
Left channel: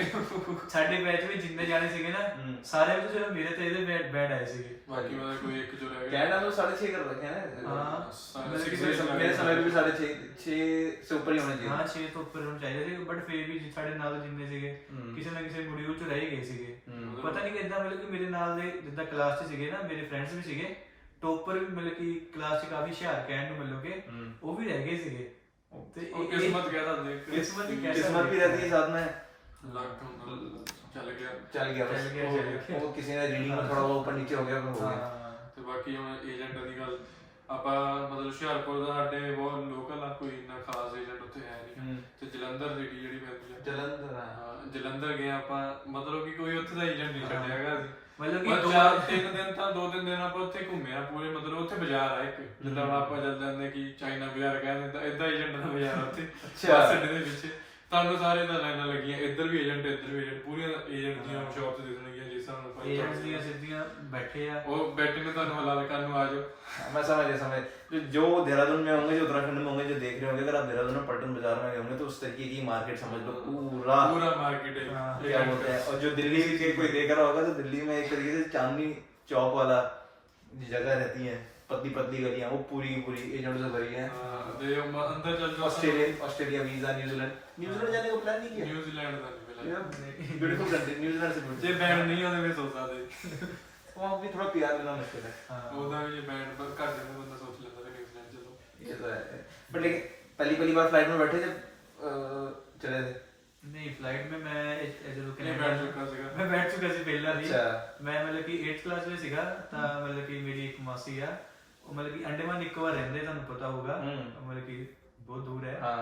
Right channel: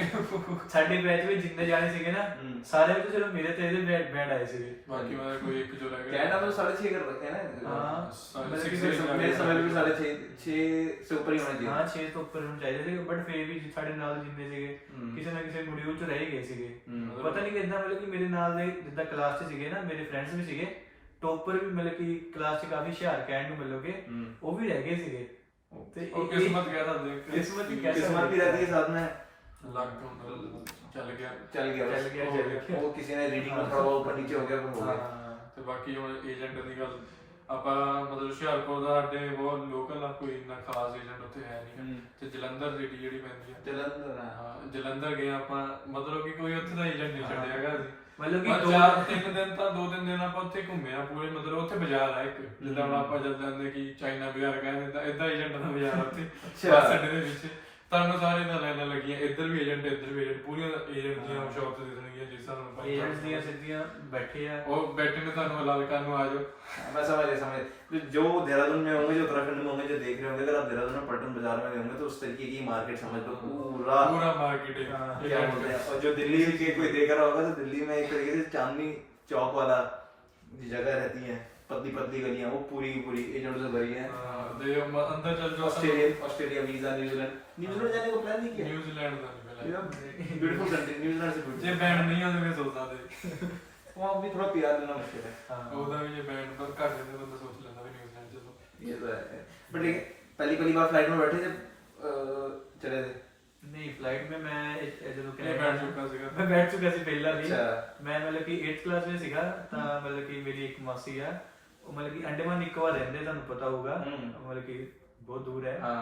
ਸਾਡੇ ਬੈਚ ਵਿੱਚ ਜਿੰਨੇ ਜਾਣੇ ਸੀਗੇ ਨਾ, ਸਾਰੇ ਵਿੱਚ ਸਿਰਫ ਮੇਰੇ ਤੇ ਇਹਦੇ ਬੈਂਡ ਆਏ ਸੀਗੇ। ਬਾਕੀ ਮੈਂ ਕੋਈ ਇੱਕ ਜੋ ਰਹਿ ਗਿਆ। कनाडा में 6.5 कर रखे हैं ना। हाँ, मेरे समय भी 6.5 से ऊपर ही होने चाहिए। ਹਾਂ 6 ਤੋਂ ਉੱਪਰ ਹੋਣੇ ਚਾਹੀਦੇ ਸੀ, ਬਟ ਫਿਰ ਵੀ ਸਾਡੇ ਨਾਲ ਜਿੰਨੇ ਸੀਗੇ ਕਿਸੇ ਨਾ ਕਿਸੇ ਮੋਡਿਊਲ ਚ ਰਹਿ ਗਏ ਸੀਗੇ। ਪਤਾ ਨਹੀਂ ਕਿੱਦਾਂ, ਮਤਲਬ ਕਿ ਮੇਰੇ ਨਾਲ ਦੇ ਜਿੱਦਾਂ ਕਲਾਸ ਚ ਸੀਗੇ ਨਾ, ਮੇਰੇ ਫਰੈਂਡਸ ਵੀ ਸੀਗੇ, ਟੋਪਰ ਵੀ ਮਤਲਬ ਕਿ ਕਲਾਸ ਚ ਕਾਫੀ ਹੁਸ਼ਿਆਰ ਕਹਿਣ ਨੂੰ ਮਤਲਬ ਕਿ ਉਹ ਵੀ ਰਹਿ ਗਏ ਸੀਗੇ। ਤੇ ਉਹ ਕਿਸਮਤ ਕਹਿਦਾ ਦੇਖ, ਕਿਸਮਤ ਹੀ ਕਹਿ किस्मत भी रहती है साथ में, ਲੱਗ ਤੋਂ ਚੱਲ ਗਿਆ चल गया वो किसी ने रीडिंग में थोड़ा ऊपर नीचे हो गया, पर हो गया। ਤੇ ਬਾਕੀ ਹੁਣ ਏਜੰਟ ਦੀ ਗੱਲ, ਆਪਾਂ ਮਤਲਬ ਹੁਸ਼ਿਆਰਪੁਰ ਦਾ ਸਾਡੇ ਬਹੁਤ ਲੋਕਲ ਆ, ਕੋਈ ਇੰਨਾ ਖਾਸ ਏਜੰਟ ਉੱਥੇ ਹੈ ਨਹੀਂ, ਤੇ ਜਲੰਧਰ ਸਿਟੀ ਜਿਹੜੀ ਪੈਂਦੀ ਹੈ, ਜਲੰਧਰ ਗਏ ਆਪਾਂ, ਮਤਲਬ ਕਿ ਕੋਈ ਉੱਥੇ ਦਾ ਏਜੰਟ ਨਹੀਂ ਛੱਡਿਆ ਹੈਗਾ ਅਸੀਂ, ਮਤਲਬ ਕਿ 2 ਦਿਨ ਆਪਾਂ ਉੱਥੇ ਘੁੰਮੇ ਆ ਪੂਰੇ, ਮਤਲਬ ਉੱਥੇ ਬਾਜ਼ਾਰ ਹੈ ਇੱਕ, ਜਿੱਦਾਂ ਹੁਣ ਆਪਾਂ ਜਦ ਜਾਂਦੇ ਕਿ ਚਾਈਨਾ ਬਾਜ਼ਾਰ ਕਹਿੰਦੇ ਤਾਂ ਇਦਾਂ ਏਜੰਟ ਦਾ ਬਾਜ਼ਾਰ ਉੱਥੇ ਸਾਡੇ ਦੇ ਵਿੱਚ, ਤੁਹਾਨੂੰ ਸਾਰੇ ਦਾ ਲਾਈਨਾਂ ਲੱਗੀਆਂ, ਇੱਧਰ ਵੀ ਏਜੰਟ, ਇੱਧਰ ਵੀ ਏਜੰਟ, ਪੂਰੀਆਂ ਏਜੰਟ ਦੀਆਂ ਸ਼ਾਪਸ ਦੇ ਦੇਣਗੀਆਂ, ਜਿਸ ਸਾਨੂੰ ਏਜੰਟਸ ਦੀਆਂ ਸਿੱਧੀਆਂ ਬੈਠੇ ਆ, ਉਹ ਬੈਠੇ ਨੇ ਤੁਹਾਨੂੰ ਹਲਾਲ ਕਰਨ ਨੂੰ ਆ ਜਾਓ। मैं समझ जो देहरादून में होंगे, जो उत्तराखंड में होंगे, जो देख रहे होंगे, अगर आप देहरादून में पल्टन बाजार में होंगे तो उस तरीके की मार्केट समझ लो, पूरा मार्केट है क्या बोलते हैं। और जो दिल्ली के कोई देख रहा होगा तो दिल्ली में एक तरीके से चांदनी चौक वाला जगह रहती है, पतली गलियां, वो पूरी की पूरी एजेंट से भरी है। अंदर चल जाओ, ऑस्ट्रेलिया वीजा, न्यूजीलैंड जाने का प्लान नहीं किया। न्यूजीलैंड का नहीं पहले, ब्यूटीफुल कंट्री, न्यूजीलैंड से जे बैंड नहीं आते वे सोचता थे वहाँ भी थोड़ा प्यार लेना मुश्किल है। ਉਹਦਾ ਵੀ बैंड पर ਘੱਟ ਜਾਂਦਾ, ਬੰਦਾ ਸੋਚ ਲੈਂਦਾ ਵੀ न्यूजीलैंड चलो, ये तो है। बट लेकिन पहली बार फ्लाइट में बैठे जब चले थे, ਨਹੀਂ ਫਲਾਈਟ में मैं ਜਦੋਂ ਇਹ ਬੈਠ ਚੁੱਕਾ ਸੀਗਾ। ਮੈਂ ਬੈਠ ਚੁੱਕਾ ਸੀ ਪਹਿਲਾਂ ਵੀ। ਅੱਛਾ। ਮੈਂ ਮਤਲਬ ਕਿ 8th ਕਲਾਸ ਵਿੱਚ ਸੀਗਾ, ਤਾਂ ਮਤਲਬ ਕਿ ਮੇਰੀ ਇੱਕ ਮਾਸੀ ਆ, ਉਹ ਮਤਲਬ ਕਿ ਅੰਡੇਮਾਨ ਨਿਕੋਬਾਰ ਰਹਿੰਦੇ, ਤੁਹਾਨੂੰ ਪਤਾ ਹੋਊਗਾ, ਮਤਲਬ ਕਿ ਬਹੁਤ ਦੂਰ ਹੈ, ਹਾਂ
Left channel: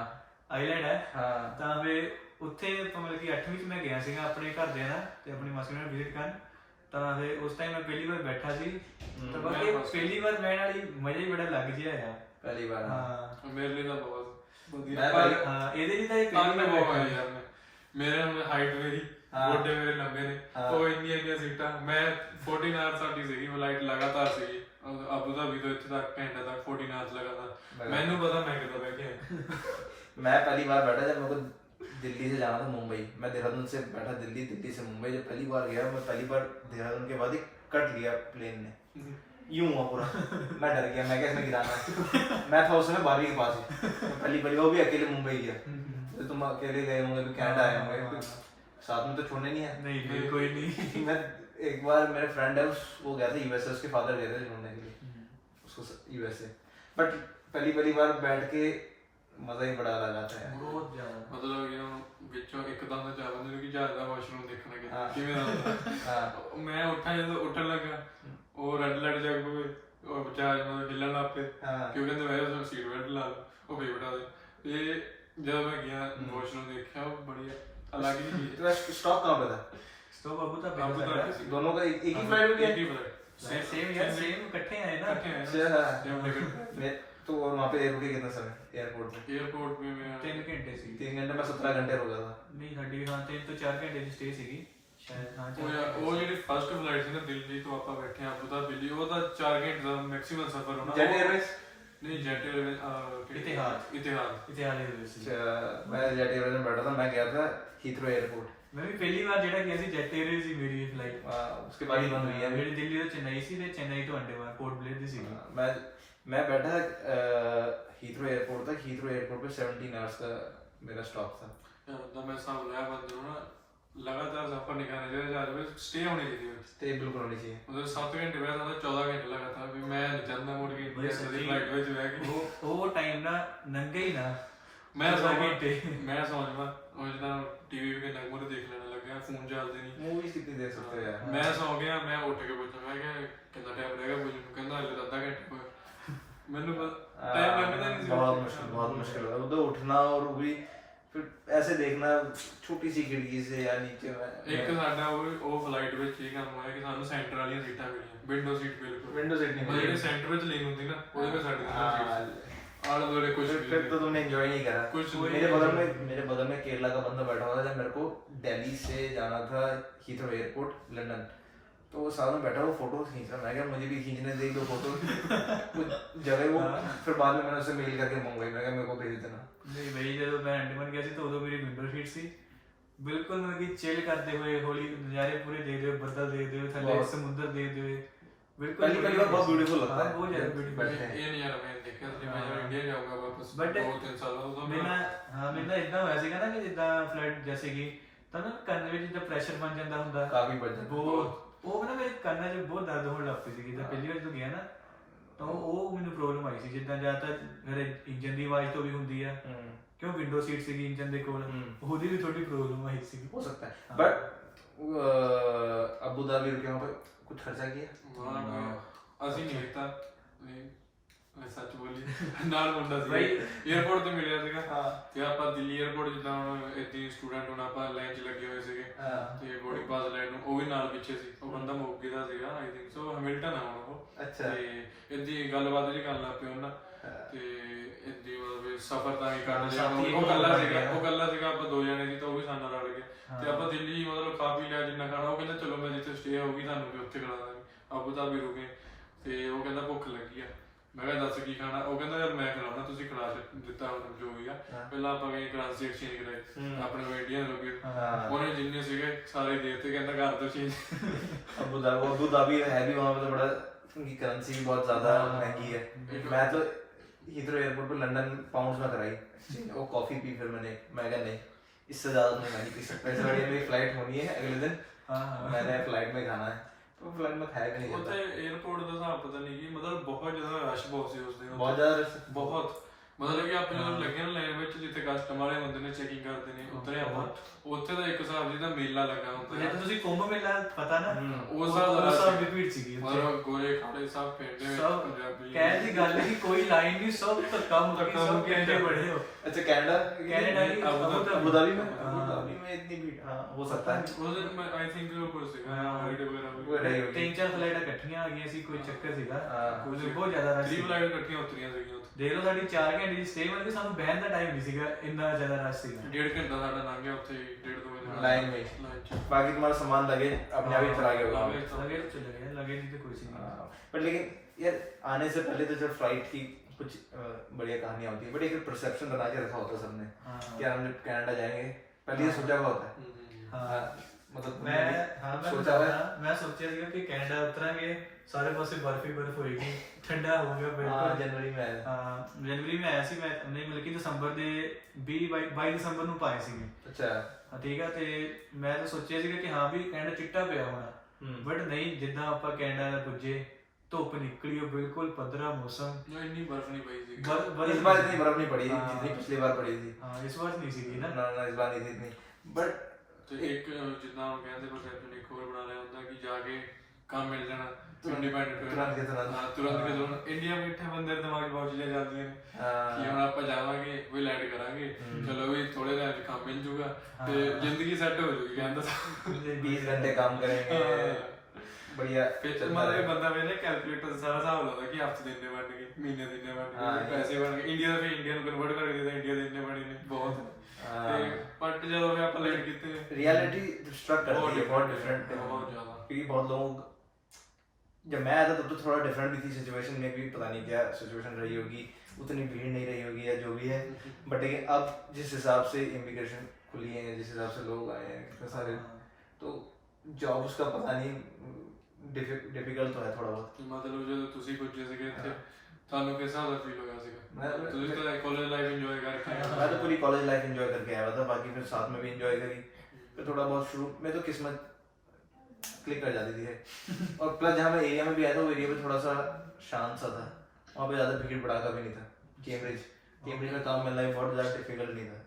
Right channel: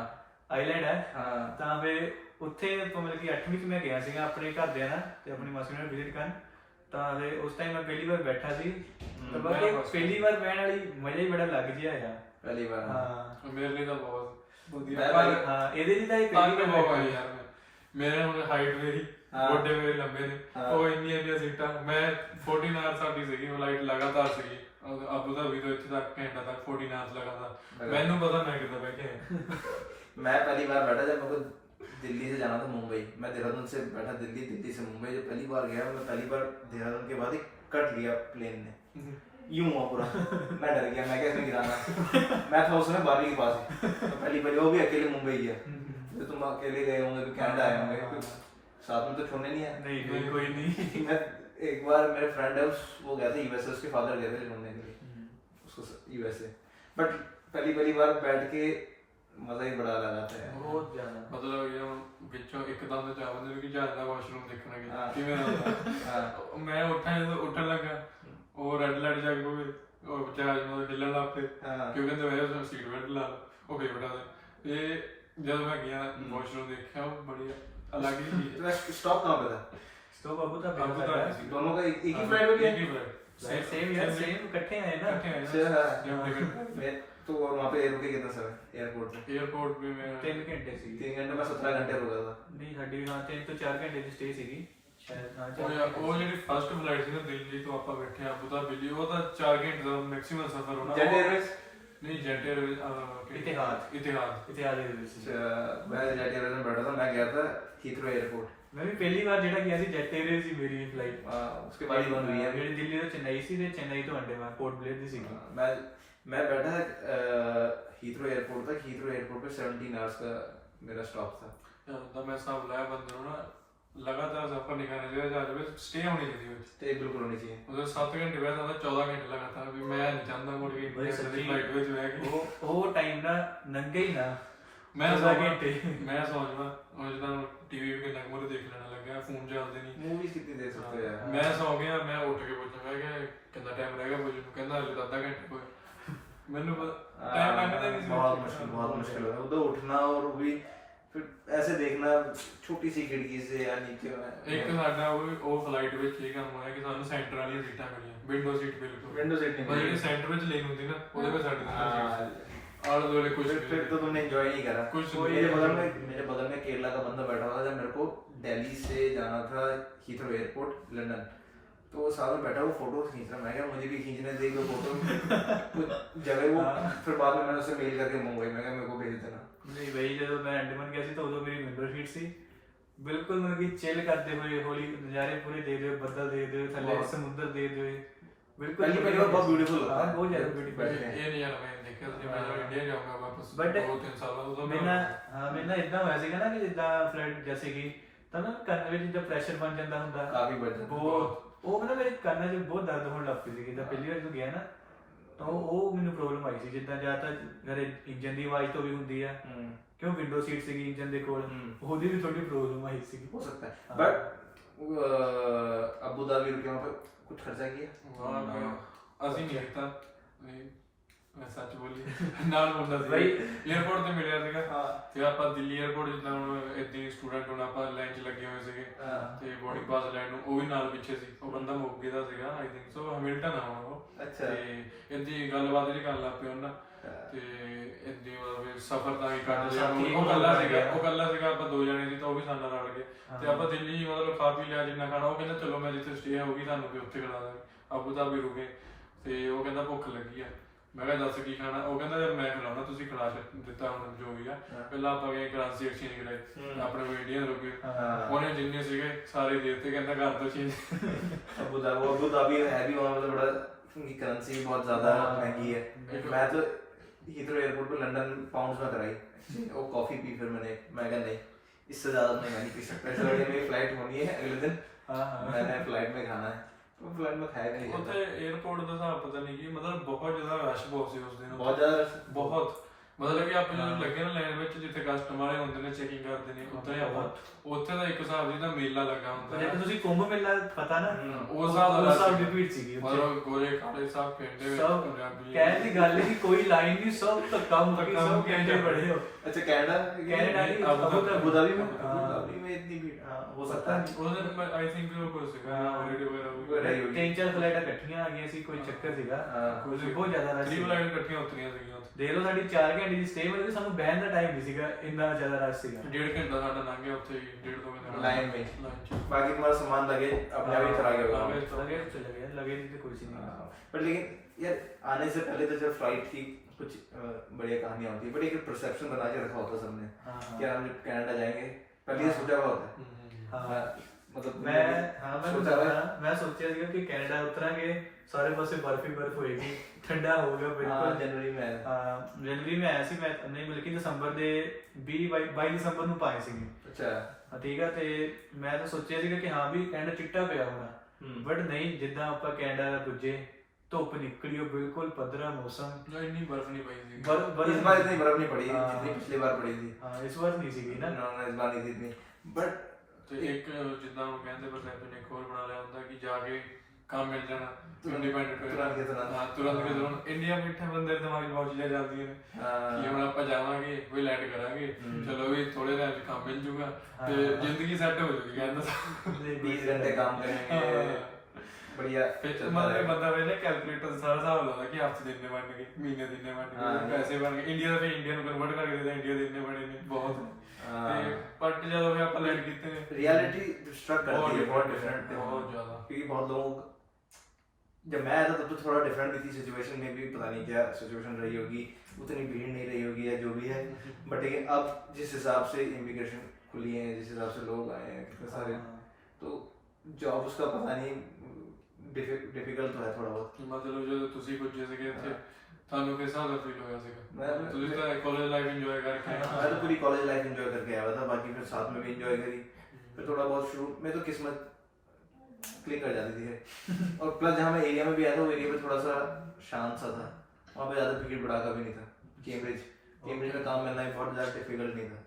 ਆਈਲੈਂਡ ਹੈ। ਹਾਂ ਤਾਂ ਵੇ ਉੱਥੇ ਮਤਲਬ ਕਿ 8ਵੀਂ ਚ ਮੈਂ ਗਿਆ ਸੀਗਾ ਆਪਣੇ ਘਰਦਿਆਂ ਨਾਲ ਤੇ ਆਪਣੀ ਮਾਸੀ ਨਾਲ ਵਿਜ਼ਿਟ ਕਰਨ, ਤਾਂ ਵੇ ਉਸ ਟਾਈਮ ਮੈਂ ਪਹਿਲੀ ਵਾਰ ਬੈਠਾ ਸੀ, ਤਾਂ ਬਾਕੀ ਪਹਿਲੀ ਵਾਰ ਬਹਿਣ ਵਾਲੀ ਮਜ਼ਾ ਹੀ ਬੜਾ ਲੱਗ ਜਿਹਾ ਆ। पहली बार। ਹਾਂ ਮੇਰੇ ਲਈ ਤਾਂ ਬਹੁਤ ਵਧੀਆ, ਹਾਂ ਇਹਦੇ ਲਈ ਤਾਂ ਇਹ ਪਹਿਲੀ ਵਾਰ ਬਹੁਤ ਬੈਠਾ ਯਾਰ, ਮੇਰੇ ਹੁਣ ਹਾਈਟ ਮੇਰੀ, ਗੋਡੇ ਮੇਰੇ ਲੰਬੇ ਨੇ, ਉਹ ਇੰਨੀਆਂ ਸੀਟਾਂ, ਮੈਂ 14 ਆਵਰ ਸਾਡੀ ਸੀਗੀ ਫਲਾਈਟ ਲਗਾਤਾਰ ਸੀਗੀ, ਅਬੂ ਧਾਬੀ ਤੋਂ ਇੱਥੇ ਤੱਕ ਘੰਟਾ ਤੱਕ 14 ਆਵਰ ਲਗਾਤਾਰ, ਮੈਨੂੰ ਪਤਾ ਮੈਂ ਕਿੱਦਾਂ ਬੈਠ ਗਿਆ। मैं पहली बार बैठा जब मेरे को दिल्ली से जाना था मुंबई, मैं देहरादून से बैठा दिल्ली, दिल्ली से मुंबई जब पहली बार गया, मैं पहली बार देहरादून के बाद ही कट लिया प्लेन ने, यूं हुआ पूरा, मैं डर गया, मैं क्या इसमें गिराना, मैं था उस समय 12वीं के पास ही, पहली वो भी अकेले मुंबई गया, तो तुम अकेले गए होंगे, कनाडा आए होंगे, साथ में तो छोड़ने नहीं है। नहीं कोई नहीं। मैं एक बार मेरे फ्रेंड है वो गया था यूएसए, उसके फादर गए थे ढूंढने के लिए उसको यूएसए, बट पहली बार बैठ के मजा ही बड़ा लगा था यार, ਬਹੁਤ ਜ਼ਿਆਦਾ। ਮਤਲਬ ਇਹ ਵਿੱਚੋਂ ਇੱਕਦਮ ਦਾ ਚਾਹ ਬੰਦੇ ਨੂੰ ਕਿ ਜਹਾਜ਼ ਦਾ ਵਾਸ਼ਰੂਮ ਦੇਖਣਾ ਕਿਵੇਂ ਹੁੰਦਾ। ਮੈਂ ਜਦੋਂ ਉੱਠਣ ਲੱਗਾ, ਉਹ ਰੈੱਡ ਲਾਈਟ ਜਗ ਪਵੇ, ਉਹ ਜਹਾਜ਼ ਨੂੰ ਹਿੱਲਣ ਲੱਗ ਪਏ, ਕਿਉਂ ਕਹਿੰਦੇ ਵੈਸੇ ਸੀਟ ਬੈਲਟ ਲਾ ਲਓ, ਉਹ ਫੇਰ ਬਟਾ ਦੇ। ਇਹ ਜਦੋਂ ਮੈਂ ਗਿਆ ਵਾਸ਼ਰੂਮ ਦੇਖਿਆ, ਉਹ ਬੜੀ ਅਲੱਗ ਹੀ ਚੀਜ਼ ਹੈ। स्टॉप कहाँ पे था? स्टॉप अबू धाबी, दोनों का एक ही फ्लाइट में गया? एक ही फ्लाइट, सेम यार, सेम इकट्ठे आए ना। मैं तो वहाँ पे रुके कितना समय एयरपोर्ट पे? एयरपोर्ट पे मैं 3 ਘੰਟੇ ਸੀ। 3 घंटे में 17 घंटे रुका था। ਨਹੀਂ ਸਾਡੀ ਵੀ ਹਾਂ 3 ਤੋਂ 4 ਘੰਟੇ ਦੀ ਸਟੇ ਸੀਗੀ। ਸ਼ਾਇਦ ਹਾਂ ਉਹ ਜਿਹੜੀ ਫਸਟ ਫਲਾਈਟ ਸੀ ਨਾ ਦਿੱਲੀ ਤੋਂ ਆਪਾਂ ਬੈਠੇ ਅਬੂ ਧਾਬੀ, ਉਹ ਤਾਂ 4 ਘੰਟੇ ਦਾ ਮੈਕਸਿਮਮ ਸਫ਼ਰ ਹੋਣਾ। जेट एयरवेज नहीं जेट एयरवेज इतिहाद इतिहाद मैं जेट एयरवेज में बैठा था, मैं गया था हीथ्रो एयरपोर्ट। मैं भी पहली बार ਜਿਹੜਾ ਗਿਆ ਸੀ ਜੈਟ 에ਅਰਵੇਜ਼ ਸੀ ਮੇਰੀ ਫਲਾਈਟ। उसके बाद ही बंद हुई है। ਜਿਹੜੀ ਦਿੱਲੀ ਤੋਂ ਚੇन्नई ਸੀ ਤੇ ਚੇन्नई ਤੋਂ ਅੰਡੇਮਾਨ पोर्ट ब्लेयर ਦੀ ਸੀਗੀ। मैं बैठा था हीथ्रो एयरपोर्ट तक। हीथ्रो एयरपोर्ट पे 17 आवर्स का मेरा स्टॉप था। ਤਾਂ ਮੈਂ ਸਭ ਲਾਇਆ ਬੰਦੇ ਨੂੰ ਨਾ ਲਗਾਤਾਰ ਸਫ਼ਰ ਨਹੀਂ ਕਰਨਾ ਚਾਹੀਦਾ, ਜਹਾਜ਼ ਵਿੱਚ ਸਟੇ ਹੋਣੀ ਚਾਹੀਦੀ ਹੈ। स्टे बिल्कुल होनी चाहिए। ਉਹਦੇ 7 ਘੰਟੇ ਬਾਅਦ ਉਹਦਾ 14 ਘੰਟੇ ਲਗਾਤਾਰ ਵੀ ਮੈਂ ਨਹੀਂ ਚਾਹੁੰਦਾ ਮੁੜ ਕੇ ਬਈ ਇੰਡੀਆ ਦੀ ਸੱਚੀ ਫਲਾਈਟ ਵਿੱਚ ਬਹਿ ਕੇ ਉਹ ਟਾਈਮ ਨਾ ਨੰਗੇ ਹੀ ਨਾ ਮੈਂ 14 ਸੌਂ ਘੰਟੇ। ਮੈਂ ਸੌਂ ਜਾਵਾਂ ਉਹ ਜਦੋਂ ਟੀਵੀ ਵੀ ਕਿੰਨਾ ਮੂਰੇ ਦੇਖ ਲੈਣਾ ਲੱਗਿਆ, ਫੋਨ ਚੱਲਦੇ ਨਹੀਂ। मूवीज कितनी देख सकते हो यार। ਮੈਂ ਸੌਂ ਗਿਆ, ਮੈਂ ਉੱਠ ਕੇ ਪੁੱਛਿਆ ਮੈਂ ਕਿਹਾ ਕਿੰਨਾ ਟਾਈਮ ਰਹਿ ਗਿਆ ਮੁझे ਨੂੰ, ਕਹਿੰਦਾ ਹਲੇ ਤਾਂ ਅੱਧਾ ਘੰਟਾ ਹੋਇਆ। ਮੈਨੂੰ ਟਾਈਮ ਲੱਗਦਾ ਨਹੀਂ ਸੀ। बहुत मुश्किल होता है उधर उठना, और वो भी फिर ऐसे देखना छोटी सी खिड़की से या नीचे में। ਇੱਕ ਸਾਡਾ ਉਹ ਫਲਾਈਟ ਵਿੱਚ ਇਹ ਕੰਮ ਹੋਇਆ ਕਿ ਸਾਨੂੰ ਸੈਂਟਰ ਵਾਲੀਆਂ ਸੀਟਾਂ ਮਿਲੀਆਂ, ਵਿੰਡੋ ਸੀਟ ਬਿਲਕੁਲ। विंडो सीट नहीं ਉਹ ਜਿਹੜੀ मिली। ਸੈਂਟਰ ਵਿੱਚ ਲੈਣ ਹੁੰਦੀ ਨਾ ਉਹਦੇ ਵਿੱਚ ਸਾਡੀ ਸੀਟ ਆਲੇ ਦੁਆਲੇ कुछ फिर तो तुमने एंजॉय नहीं करा। कुछ मेरे बगल में केरला का बंदा बैठा हुआ था जब मेरे को दिल्ली से जाना था हीथ्रो एयरपोर्ट लंदन। तो वो साथ में बैठा, वो फोटो खींच रहा। मैं क्या मुझे भी खींचने दे दो फोटो। कुछ जगह वो फिर बाद में मैंने उसे मेल करके मंगवाई, मैं क्या मेरे को भेज देना। ਨਹੀਂ ਬਈ ਜਦੋਂ ਮੈਂ ਅੰਡੇਮਾਨ ਗਿਆ ਸੀ ਤਾਂ ਉਦੋਂ ਮੇਰੀ ਵਿੰਡੋ ਸੀਟ ਸੀ, ਬਿਲਕੁਲ ਮਤਲਬ ਕਿ ਚਿਲ ਕਰਦੇ ਹੋਏ ਹੌਲੀ ਨਜ਼ਾਰੇ ਪੂਰੇ ਦੇਖਦੇ ਹੋਏ, ਬੱਦਲ ਦੇਖਦੇ ਹੋਏ, ਥੱਲੇ बहुत- ਸਮੁੰਦਰ ਦੇਖਦੇ ਹੋਏ, ਬਿਲकुल पहली बार बहुत ब्यूटीफुल लगता हाँ, है। बहुत ज्यादा ब्यूटीफुल बैठे हैं। ਇਹ ਨਹੀਂ ਯਾਰ ਮੈਂ ਦੇਖਿਆ ਸੀ ਮੈਂ ਜਦੋਂ ਇੰਡੀਆ ਜਾਊਂਗਾ ਵਾਪਸ But 2-3 ਸਾਲਾਂ ਤੋਂ ਮੈਂ ਨਾ ਹਾਂ ਮੈਂ ਨਾ ਇਦਾਂ ਹੋਇਆ ਸੀਗਾ ਨਾ ਕਿ ਜਿੱਦਾਂ ਫਲਾਈਟ ਜੈਸੇ ਕਿ ਤਾਂ ਨਾ ਕੰਨ ਵਿੱਚ ਜਿੱਦਾਂ ਪ੍ਰੈਸ਼ਰ ਬਣ ਜਾਂਦਾ ਹੁੰਦਾ काफी बजट। ਬਹੁਤ ਉਹ ਨਾ ਮੇਰੇ ਕੰਨਾਂ 'ਚ ਬਹੁਤ ਦਰਦ ਹੋਣ ਲੱਗ ਪਈ ਸੀ ਜਿੱਦਾਂ ਪਹਿਲੀ ਵਾਰ ਜਦੋਂ ਗਿਆ ਨਾ ਤਾਂ ਉਹ ਮੈਨੂੰ ਪ੍ਰੋਬਲਮ ਆਈ ਸੀ ਜਿੱਦਾਂ ਜ਼ਿਆਦਾਤਰ ਮੇਰੇ ਇੰਜਨ ਦੀ ਆਵਾਜ਼ ਤੋਂ ਵੀ ਹੁੰਦੀ ਆ ਕਿਉਂ ਵਿੰਡੋ ਸੀਟ ਸੀਗੀ ਇੰਜਨ ਦੇ ਕੋਲ ਉਹਦੀ ਵੀ ਥੋੜੀ ਪ੍ਰੋਬਲਮ ਆਈ ਸੀ हो सकता है। बट अबू धाबी रुके वहाँ पे कुछ खर्चा किया? ਅਸੀਂ ਨਹੀਂ ਕੀਤਾ ਨਹੀਂ ਮੈਂ ਸੱਚ ਬੋਲੀ ਨਾਲ ਮੁੰਡਾ ਸੀ ਬਾਈ 에어ਪੋਰਟ ਤੇ ਮਿਲਿਆ ਸੀਗਾ हाँ ਤੇ ਆਪਾਂ ਦਿੱਲੀ 에어ਪੋਰਟ ਜਿੱਦਾਂ ਹੁਣ ਇੱਥੇ ਸਟੂਡੈਂਟ ਹੁਣ ਆਪਾਂ ਲਾਈਨ 'ਚ ਲੱਗੇ ਹੋਏ ਸੀਗੇ ਤੇ ਬੋਰਡਿੰਗ ਪਾਸ ਲਾਈਨ ਨੂੰ ਉਹ ਵੀ ਨਾਲ ਪਿੱਛੇ ਸੀ ਉਹ ਬੰਦਾ ਮੋਗੇ ਦਾ ਸੀਗਾ ਆਈ ਥਿੰਕ ਸੋ ਹੈਮਿਲਟਨ ਆ ਹੁਣ ਉਹ अच्छा। ਤੇ ਇਹਦੀ ਗੱਲਬਾਤ ਜਿਹੜੀ ਕਰਨ ਲੱਗ ਪਏ ਉਹਨਾਂ ਤੇ ਇਹਦੀ ਵੀ ਸਫ਼ਰ ਤਾਂ ਹੀ ਕੱਢ ਲਿਆ ਉਹ ਕੱਲਾ ਸੀਗਾ ਆਪਾਂ 2 ਜਣੇ ਸੀ ਤਾਂ ਉਹ ਵੀ ਸਾਡੇ ਨਾਲ ਰਲ ਗਏ ਤੇ ਆਪਾਂ ਦਿੱਲੀ ਮਤਲਬ ਖਾ ਪੀ ਲਿਆ ਜਿੰਨਾ ਖਾਣਾ ਉਹ ਕਹਿੰਦਾ ਚਲੋ ਮੈਂ ਜਿੱਥੇ ਸਟੇ ਹੋਊਗੀ ਤੁਹਾਨੂੰ ਵੀ ਉੱਥੇ ਖਿਲਾ ਦਾਂਗੇ ਅਬੂ ਧਾਬੀ ਰੁਕੇ ਤੇ ਉਹ ਕਹਿੰਦਾ ਭੁੱਖ ਲੱਗੀ ਆ ਮੈਂ ਕਿਹਾ ਦੱਸ ਕੀ ਖਾਣਾ ਉਹ ਕਹਿੰਦਾ ਯਾਰ ਮੈਂ ਖਿਲਾਉਣਾ ਤੁਸੀਂ ਖਿਲਾ ਦਿੱਤਾ ਹੁਣ ਜੋ ਵੀ ਆ ਪਹਿਲਾਂ ਆਪਾਂ ਗਏ ਕਰੰਸੀ ਐਕਸਚੇਂਜ ਕਰਾਏ ਆਪਣੇ ਕੋਲ ਇੰਡੀਅਨ ਰੁਪਏ ਉਹਨੇ ਜਿੰਨੇ ਸੀਗੇ ਸਾਰੇ ਦੇ ਦਿੱਤੇ ਕਹਿੰਦਾ ਕਰ ਦੋ ਚੇਂਜ अबू धाबी है भी वहाँ पे तो बड़ा, उनकी करेंसी भी बहुत ज्यादा महंगी है। मैं तो हीथ्रो एयरपोर्ट पे लंदन पाउंड्स में कराई वो कॉफी पी, फिर मैं कहा नहीं इससे ज्यादा मैं नहीं पी सकता, इससे बढ़िया मेरी फ्लाइट होनी है अगले दिन, मैंने फ्लाइट में खाना है। तो फ्लाइट में खाया भी नहीं ਉੱਥੇ 에어ਪੋਰਟ ਦਾ ਹਿਸਾਬ ਪਤਾ ਨਹੀਂ ਕੀ ਮਤਲਬ ਬਹੁਤ ਜ਼ਿਆਦਾ ਰਸ਼ ਬਹੁਤ ਸੀ ਉਸ ਦਿਨ बहुत ज्यादा rush। ਬਹੁਤ ਮਤਲਬ ਕਿ ਆਪਾਂ ਜਦੋਂ ਲੱਗੇ ਨਾ ਲਾਈਨ ਵਿੱਚ ਜਿੱਥੇ ਕਸਟਮ ਵਾਲੇ ਹੁੰਦੇ ਨੇ ਚੈਕਿੰਗ ਕਰਦੇ ਨੇ ਉੱਥੇ ਆਪਾਂ ਉੱਥੇ ਦਾ ਇੱਕ ਹਿਸਾਬ ਜਿਹਦਾ ਮੇਲਾ ਲੱਗਾ ਹੁੰਦਾ ਜੇ ਤੁਸੀਂ ਕੁੰਭ ਮੇਲਾ ਪਤਾ ਨਾ ਉਹ ਹਿਸਾਬ ਦੀ ਭੀੜ ਸੀਗੀ ਮਤਲਬ ਗੋਰੇ ਕਾਲੇ ਸਭ ਪਿੰਡੇ ਵਿੱਚ ਸਭ ਪੰਜਾਬੀ ਕਹਿਣ ਦੀ ਗੱਲ ਨਹੀਂ ਕੋਈ ਲਾਈਨ ਨਹੀਂ ਸਭ ਧੱਕਾ ਮੁੱਕੀ ਸਭ ਕਹਿੰਦੇ ਬੜੇ ਹੋ अच्छा कनाडा की अबू धाबी में इतनी भीड़, हाँ हो सकता है। ਉਹਦੇ ਮੈਂ ਆਈ ਥਿੰਕ ਉਹ ਕੋਈ ਸੀਗਾ ਹੌਲੀਡੇ ਵਗੈਰਾ ਵੀ ਤਿੰਨ ਚਾਰ ਫਲਾਈਟਾਂ ਇਕੱਠੀਆਂ ਆ ਗਈਆਂ ਸੀ ਕੋਈ ਚੱਕਰ ਸੀਗਾ ਕੋਈ ਬਹੁਤ ਜ਼ਿਆਦਾ ਰਸ਼ 3 ਫਲਾਈਟ ਇਕੱਠੀਆਂ ਉਤਰੀਆਂ ਸੀਗੀਆਂ ਉੱਥੇ ਦੇਖ ਲਓ ਸਾਡੀ 4 ਘੰਟੇ ਦੀ ਸਟੇ ਹੋਈ ਸਾਨੂੰ ਬਹਿਣ ਦਾ ਟਾਈਮ ਨਹੀਂ ਸੀਗਾ ਇੰਨਾ ਜ਼ਿਆਦਾ ਰਸ਼ ਸੀਗਾ 1.5 ਘੰਟਾ ਸਾਡਾ ਲੰਘ ਗਿਆ ਉੱਥੇ 1.5-2 ਘੰਟੇ लाइन में। ਲਾਈਨ 'ਚ बाकी तुम्हारा सामान लगे अपने आप ही चला गया होगा। लगे तो चले गए लगे नहीं तो कुछ नहीं बट लेकिन यार आने से पहले तो जब फ्लाइट की कुछ बढ़िया कहानियां होती है, बट एक परसेप्शन बना के रखा होता है सबने कि यार हम जब कनाडा जाएंगे पहले ये सोचा हुआ होता है। हाँ मतलब मैं सोचा ਸੀਗਾ ਕਿ ਕੈਨੇਡਾ ਉਤਰਾਂਗੇ ਸਾਰੇ ਪਾਸੇ ਬਰਫ ਹੀ ਬਰਫ ਹੋਏਗੀ ਠੰਡਾ ਹੋਊਗਾ ਬਿਲਕੁਲ जनवरी में आया। ਹਾਂ ਜਨਵਰੀ में ਆਇਆ ਸੀ ਮੈਂ ਨਹੀਂ ਮਿਲ ਕੇ ਦਸੰਬਰ ਦੇ 22 ਦਸੰਬਰ ਨੂੰ ਪਾਏ ਸੀਗੇ अच्छा ਹਾਂ ਠੀਕ ਆ ਤੇ ਮੈਂ ਤਾਂ ਸੋਚਿਆ ਸੀਗਾ ਕਿ ਹਾਂ ਵੀ ਕੈਨੇਡਾ ਚਿੱਟਾ ਪਿਆ ਹੋਣਾ ਬਟ ਨਹੀਂ ਜਿੱਦਾਂ ਆਪਾਂ ਕੈਨੇਡਾ ਪੁੱਜੇ ਧੁੱਪ ਨਿਕਲੀ ਉਹ ਬਿਲਕੁਲ ਪੱਧਰਾ ਮੌਸਮ ਇੰਨੀ ਬਰਫ਼ ਨਹੀਂ ਪਈ ਸੀ इस बार इतनी बर्फ नहीं पड़ी जितनी पिछली बार पड़ी थी। ਹਾਂ ਇਸ ਵਾਰ ਨਹੀਂ ਸੀਗੀ ਨਾ ना इस बार नहीं थी इतनी। बट ਤੇ ਇੱਕ ਜਿੱਦਾਂ ਉਹ ਕਹਿੰਦੇ ਪਰਸੈਪਸ਼ਨ ਇੱਕ ਹੋਰ ਬਣਾ ਲਿਆ ਹੁੰਦਾ ਕਿ ਜਾ ਕੇ ਕੰਮ ਮਿਲ ਜਾਣਾ ਇੰਡੀਪੈਂਡੈਂਟ तुरंत के तुरंत। ਹਾਂ ਤੁਰੰਤ ਕੇ ਤੁਰੰਤ ਇੰਡੀਆ ਬੈਠੇ ਬੰਦੇ ਦੇ ਦਿਮਾਗ 'ਚ ਬਹੁਤ ਚੀਜ਼ਾਂ ਚੱਲਦੀਆਂ ਨੇ ਕਿ ਹੁਣ ਆਪਾਂ ਜਾਵਾਂਗੇ ਵੀ ਲੈਂਡ ਕਰਾਂਗੇ ਚਲੋ ਵੀ ਥੋੜੇ ਦਿਨ 'ਚ ਕੰਮ ਮਿਲ ਜੂਗਾ ਤੇ ਜ਼ਿੰਦਗੀ ਸੈੱਟ ਹੋ ਜੂਗੀ ਕਹਿੰਦਾ 20 घंटे काम करेंगे। बढ़िया फिर चलता मतलब रहेगा। बंदा ਵੇਲੇ ਕੈਲਕੂਲੇਟਰ ਸਾਰਾ ਹਿਸਾਬ ਲਾਉਂਦਾ ਕਿ ਹਫਤੇ ਦੇ ਇੰਨੇ ਬਣ ਗਏ, ਮਹੀਨੇ ਦੇ ਇੰਨੇ ਬਣ ਗਏ, ਪੈਸੇ ਬਣ ਗਏ, ਇੰਡੀਆ ਦੇ ਇੰਡੀਆ ਨੂੰ ਕਨਵਰਟ ਕਰਕੇ ਦੇਦਾ, ਇੰਡੀਆ ਦੇ ਇੰਨੇ ਬਣੇ ਨੇ ਬਹੁਤ। ਤੇ ਬਟ ਜਦੋਂ ਫਿਰ ਆਪਾਂ ਲੈਂਡ ਕੀਤੇ रियलिटी स्ट्रक करती है बहुत डिफरेंट, बहुत ज्यादा। क्योंकि बहुत लोग, जब मैं आया था तब तो थोड़ा डिफरेंट भी थी सिचुएशन में भी, पता नहीं क्या सिचुएशन रही होगी, उतनी भीड़ नहीं रही होगी या जो भी है, बट लेकिन अब जिस हिसाब से इमिग्रेशन खुली है, जिस हिसाब से लोग आए हैं कितने सारे, तो जॉब्स का पता नहीं, डिफिकल्ट तो है थोड़ा बहुत। ਮਤਲਬ ਜਦੋਂ ਤੁਸੀਂ ਪੁੱਜੇ ਸੀਗੇ ਇੱਥੇ ਤੁਹਾਨੂੰ ਕਿਸ ਹਿਸਾਬ ਦਾ ਫੀਲ ਹੋਇਆ ਸੀਗਾ? मैं ਤੁਸੀਂ ਤਾਂ ਕਾਲਜ ਲਾਈਫ ਇੰਜੋਏ ਕਰਕੇ ਆਏ मैं तो पूरी कॉलेज लाइफ एंजॉय करके आया हुआ था, बाकी फिर साथ में भी एंजॉय करी, फिर थोड़ा बहुत शुरू में तो किस्मत क्लिक कर जाती थी और प्लस जहाँ मैं एरिया में भी आया था वो एरिया पे थोड़ा सा शांत सा था, वहाँ पे ज़्यादा भीड़ भड़ाका भी नहीं था। कैम्ब्रिज में काम मिलना भी बहुत ज़्यादा डिफिकल्ट नहीं था,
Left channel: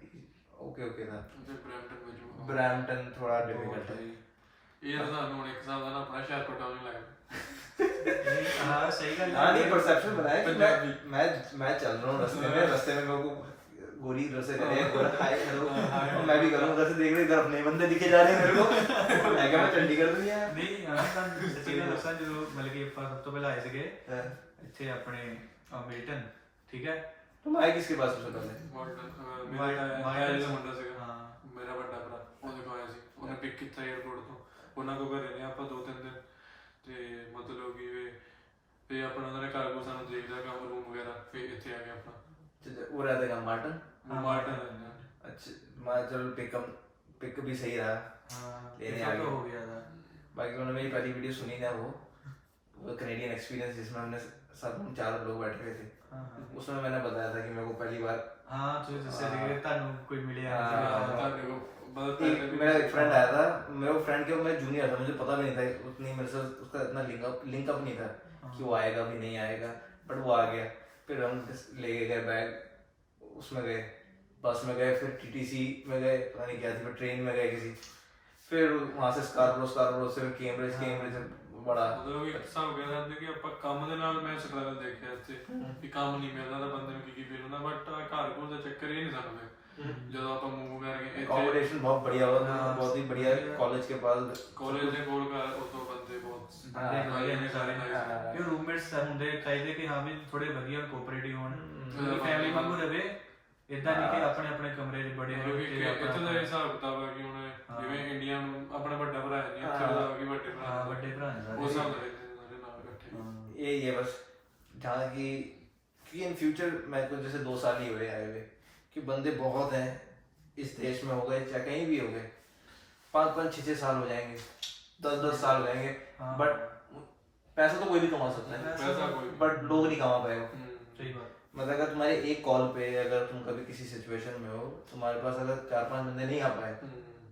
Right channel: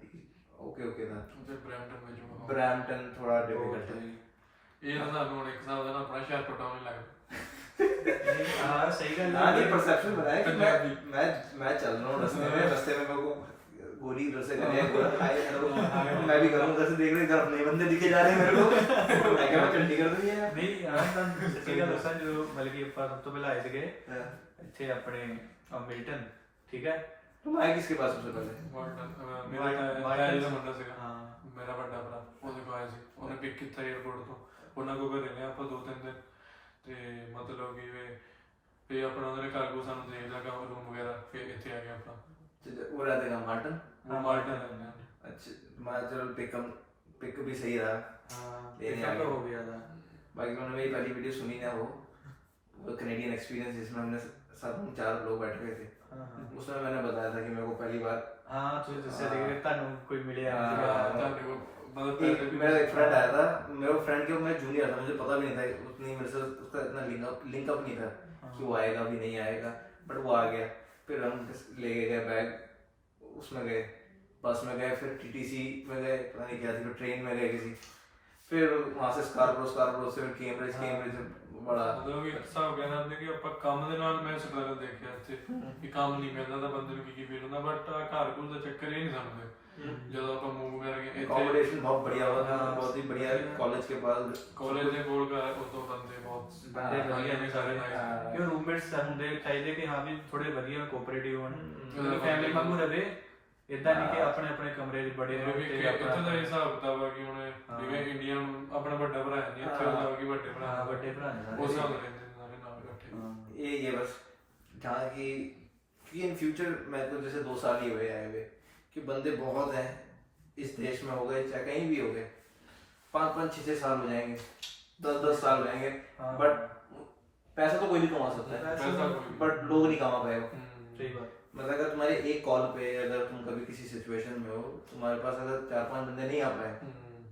ओके था। ਤੇ ਬ੍ਰੈਂਟਨ ਵਿੱਚ ਹੋਣਾ। ब्रैम्पटन थोड़ा डिफिकल्ट है। ਇਹ ਤਾਂ ਸਾਨੂੰ ਹੁਣ ਇੱਕ ਹਿਸਾਬ ਦਾ ਨਾ ਆਪਣਾ ਸ਼ਹਿਰ ਪਟਾਉਣ ਨਹੀਂ ਲੱਗਦਾ। हाँ सही गल हाँ है। नहीं, परसेप्शन बनाया कि पंजाबी। मैं चल रहा हूँ रास्ते में मेरे को गोरी इधर से करे, हाय हेलो, मैं भी करूँ उधर से, देख रहे इधर अपने बंदे दिखे जा रहे हैं मेरे को, मैं क्या मैं चंडीगढ़ में ही आया। ਨਹੀਂ ਹਾਂ ਤੁਹਾਨੂੰ ਸੱਚੀ ਗੱਲ ਦੱਸਾਂ, ਜਦੋਂ ਮਤਲਬ ਕਿ ਆਪਾਂ ਸਭ ਤੋਂ ਪਹਿਲਾਂ ਆਏ ਸੀਗੇ ਇੱਥੇ ਆਪਣੇ ਮਿਲਟਨ, ਠੀਕ ਹੈ। तुम आए किसके पास सबसे पहले? ਮੇਰਾ ਜਿਹੜਾ ਮੁੰਡਾ ਸੀਗਾ, ਹਾਂ ਮੇਰਾ ਵੱਡਾ ਭਰਾ, ਉਹਦੇ ਕੋਲ ਆਇਆ ਸੀ, ਉਹਨੇ ਪਿਕ ਕੀਤਾ 에어ਪੋਰਟ ਤੋਂ, ਉਹਨਾਂ ਕੋਲ ਘਰੇ ਰਹੇ ਆਪਾਂ 2-3 ਦਿਨ, ਤੇ ਮਤਲਬ ਕਿ ਫਿਰ ਆਪਣਾ ਉਹਨੇ ਘਰ ਕੋਲ ਸਾਨੂੰ ਦੇ ਦਿੱਤਾ ਰੂਮ ਵਗੈਰਾ, ਫਿਰ ਇੱਥੇ ਆ ਗਿਆ ਆਪਣਾ। वो रहता है माल्टन। ਉਹ ਮਾਲਟਨ ਰਹਿੰਦਾ। अच्छा, मैं चलो पिक भी सही रहा, ਹਾਂ लेने ਇਹ आ ਤਾਂ ਹੋ गए। ਗਿਆ था। बाकी उन्होंने मेरी पहली वीडियो सुनी है, वो कनेडियन एक्सपीरियंस जिसमें हमने साथ हम 4 लोग बैठे हुए थे, हाँ हाँ उसमें मैंने बताया था कि मेरे को पहली बार हाँ ਤੁਸੀਂ ਦੱਸਿਆ ਸੀ ਕਿ ਤੁਹਾਨੂੰ ਕੋਈ ਮਿਲਿਆ हाँ, ਸੀਗਾ। ਤੁਹਾਡੇ ਕੋਲ ਬਹੁਤ ਪੈਸੇ ਵੀ मेरा एक फ्रेंड आया था, मेरे फ्रेंड के मैं जूनियर था, मुझे पता भी नहीं था उतनी मेरे से उसका इतना लिंकअप नहीं था कि वो आएगा भी नहीं आएगा, बट वो आ गया। फिर हम ले गए बैग, उसमें गए, बस में गए, फिर टीटीसी में गए, पता नहीं क्या थी, फिर ट्रेन में गए किसी, फिर वहाँ से स्कारबरो से फिर कैम्ब्रिज बड़ा। ਮਤਲਬ ਇੱਕ ਹਿਸਾਬ ਕਹਿ ਸਕਦੇ ਕਿ ਆਪਾਂ ਕੰਮ ਦੇ ਨਾਲ ਮੈਂ ਸਟਰਗਲ ਦੇਖਿਆ ਇੱਥੇ, ਕਿ ਕੰਮ ਨਹੀਂ ਮਿਲਦਾ ਤਾਂ ਬੰਦੇ ਨੂੰ ਕੀ ਫੀਲ ਹੁੰਦਾ, ਬਟ ਘਰ ਕੋਲ ਦਾ ਚੱਕਰ ਇਹ ਨਹੀਂ ਸਾਨੂੰ ਪਿਆ। ਜਦੋਂ ਆਪਾਂ ਮੂਵ ਕਰਕੇ ਇੱਥੇ अकोमोडेशन बहुत बढ़िया हुआ, बहुत ही बढ़िया कॉलेज के पास। ਕਾਲਜ ਦੇ ਕੋਲ ਘਰ, ਉਦੋਂ ਬੰਦੇ ਬਹੁਤ ਬੰਦੇ ਵਧੀਆ ਨੇ ਸਾਰੇ, ਹਾਂ। ਕਿ ਰੂਮਮੇਟਸ ਹੁੰਦੇ ਚਾਹੀਦੇ ਕਿ ਹਾਂ ਵੀ ਥੋੜੇ ਵਧੀਆ ਕੋਆਪਰੇਟਿਵ ਹੋਣ, ਹਮ। ਫੈਮਿਲੀ ਵਾਂਗੂ ਰਵੇ, ਇਦਾਂ ਨਹੀਂ ਕਿ ਆਪਣੇ ਆਪਣੇ ਕਮਰੇ 'ਚ ਬੜੇ ਰਹੋ ਕਿਉਂਕਿ ਤੇ ਇੱਥੇ ਦਾ ਹਿਸਾਬ ਕਿਤਾਬ ਹੈ ਕਿ ਹੁਣ ਜਿਵੇਂ ਇੰਡੀਆ ਨੂੰ ਆਪਣਾ ਵੱਡਾ ਭਰਾ ਹੈ ਨਹੀਂ, ਇੱਥੇ ਉਹਦਾ ਕਿ ਵੱਡੇ ਭਰਾ ਹਾਂ ਵੱਡੇ ਭਰਾ ਨੇ ਉਸ ਹਿਸਾਬ ਸਾਰੇ। ਨਾਲ ਰਹਿੰਦੇ ਨੇ ਸਾਰੇ ਨਾਲ ਇਕੱਠੇ। ये बस जहाँ की कि इन फ्यूचर मेरे को जैसे 2 साल ही हुए आए हुए, कि बंदे बहुत हैं इस देश में, हो गए चाहे कहीं भी हो गए, 5-5, 6-6 साल हो जाएंगे, 10-10 साल हो जाएंगे, हाँ। बट पैसा तो कोई भी कमा सकता है, पैसा कोई बट लोग नहीं कमा पाएगा। सही बात। मतलब अगर तुम्हारे एक कॉल पे, अगर तुम कभी किसी सिचुएशन में हो, तुम्हारे पास अगर 4-5 बंदे नहीं आ पाए,